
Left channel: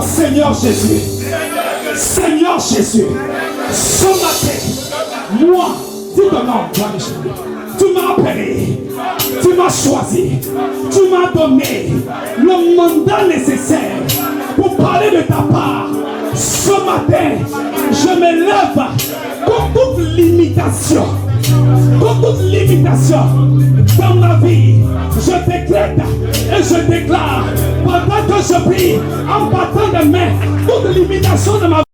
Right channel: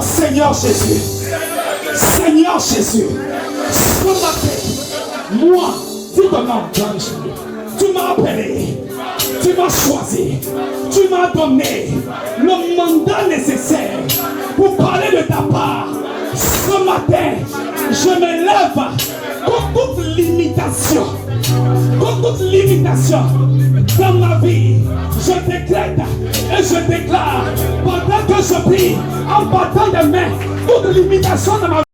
Seigneur Jésus, Seigneur Jésus, ce matin, moi, tu m'as appelé, tu m'as choisi, tu m'as donné le mandat nécessaire pour parler de ta part. Ce matin, je me lève contre toute limitation, dans ma vie. Je décrète et je déclare pendant que je prie en battant des mains toute limitation de ma vie.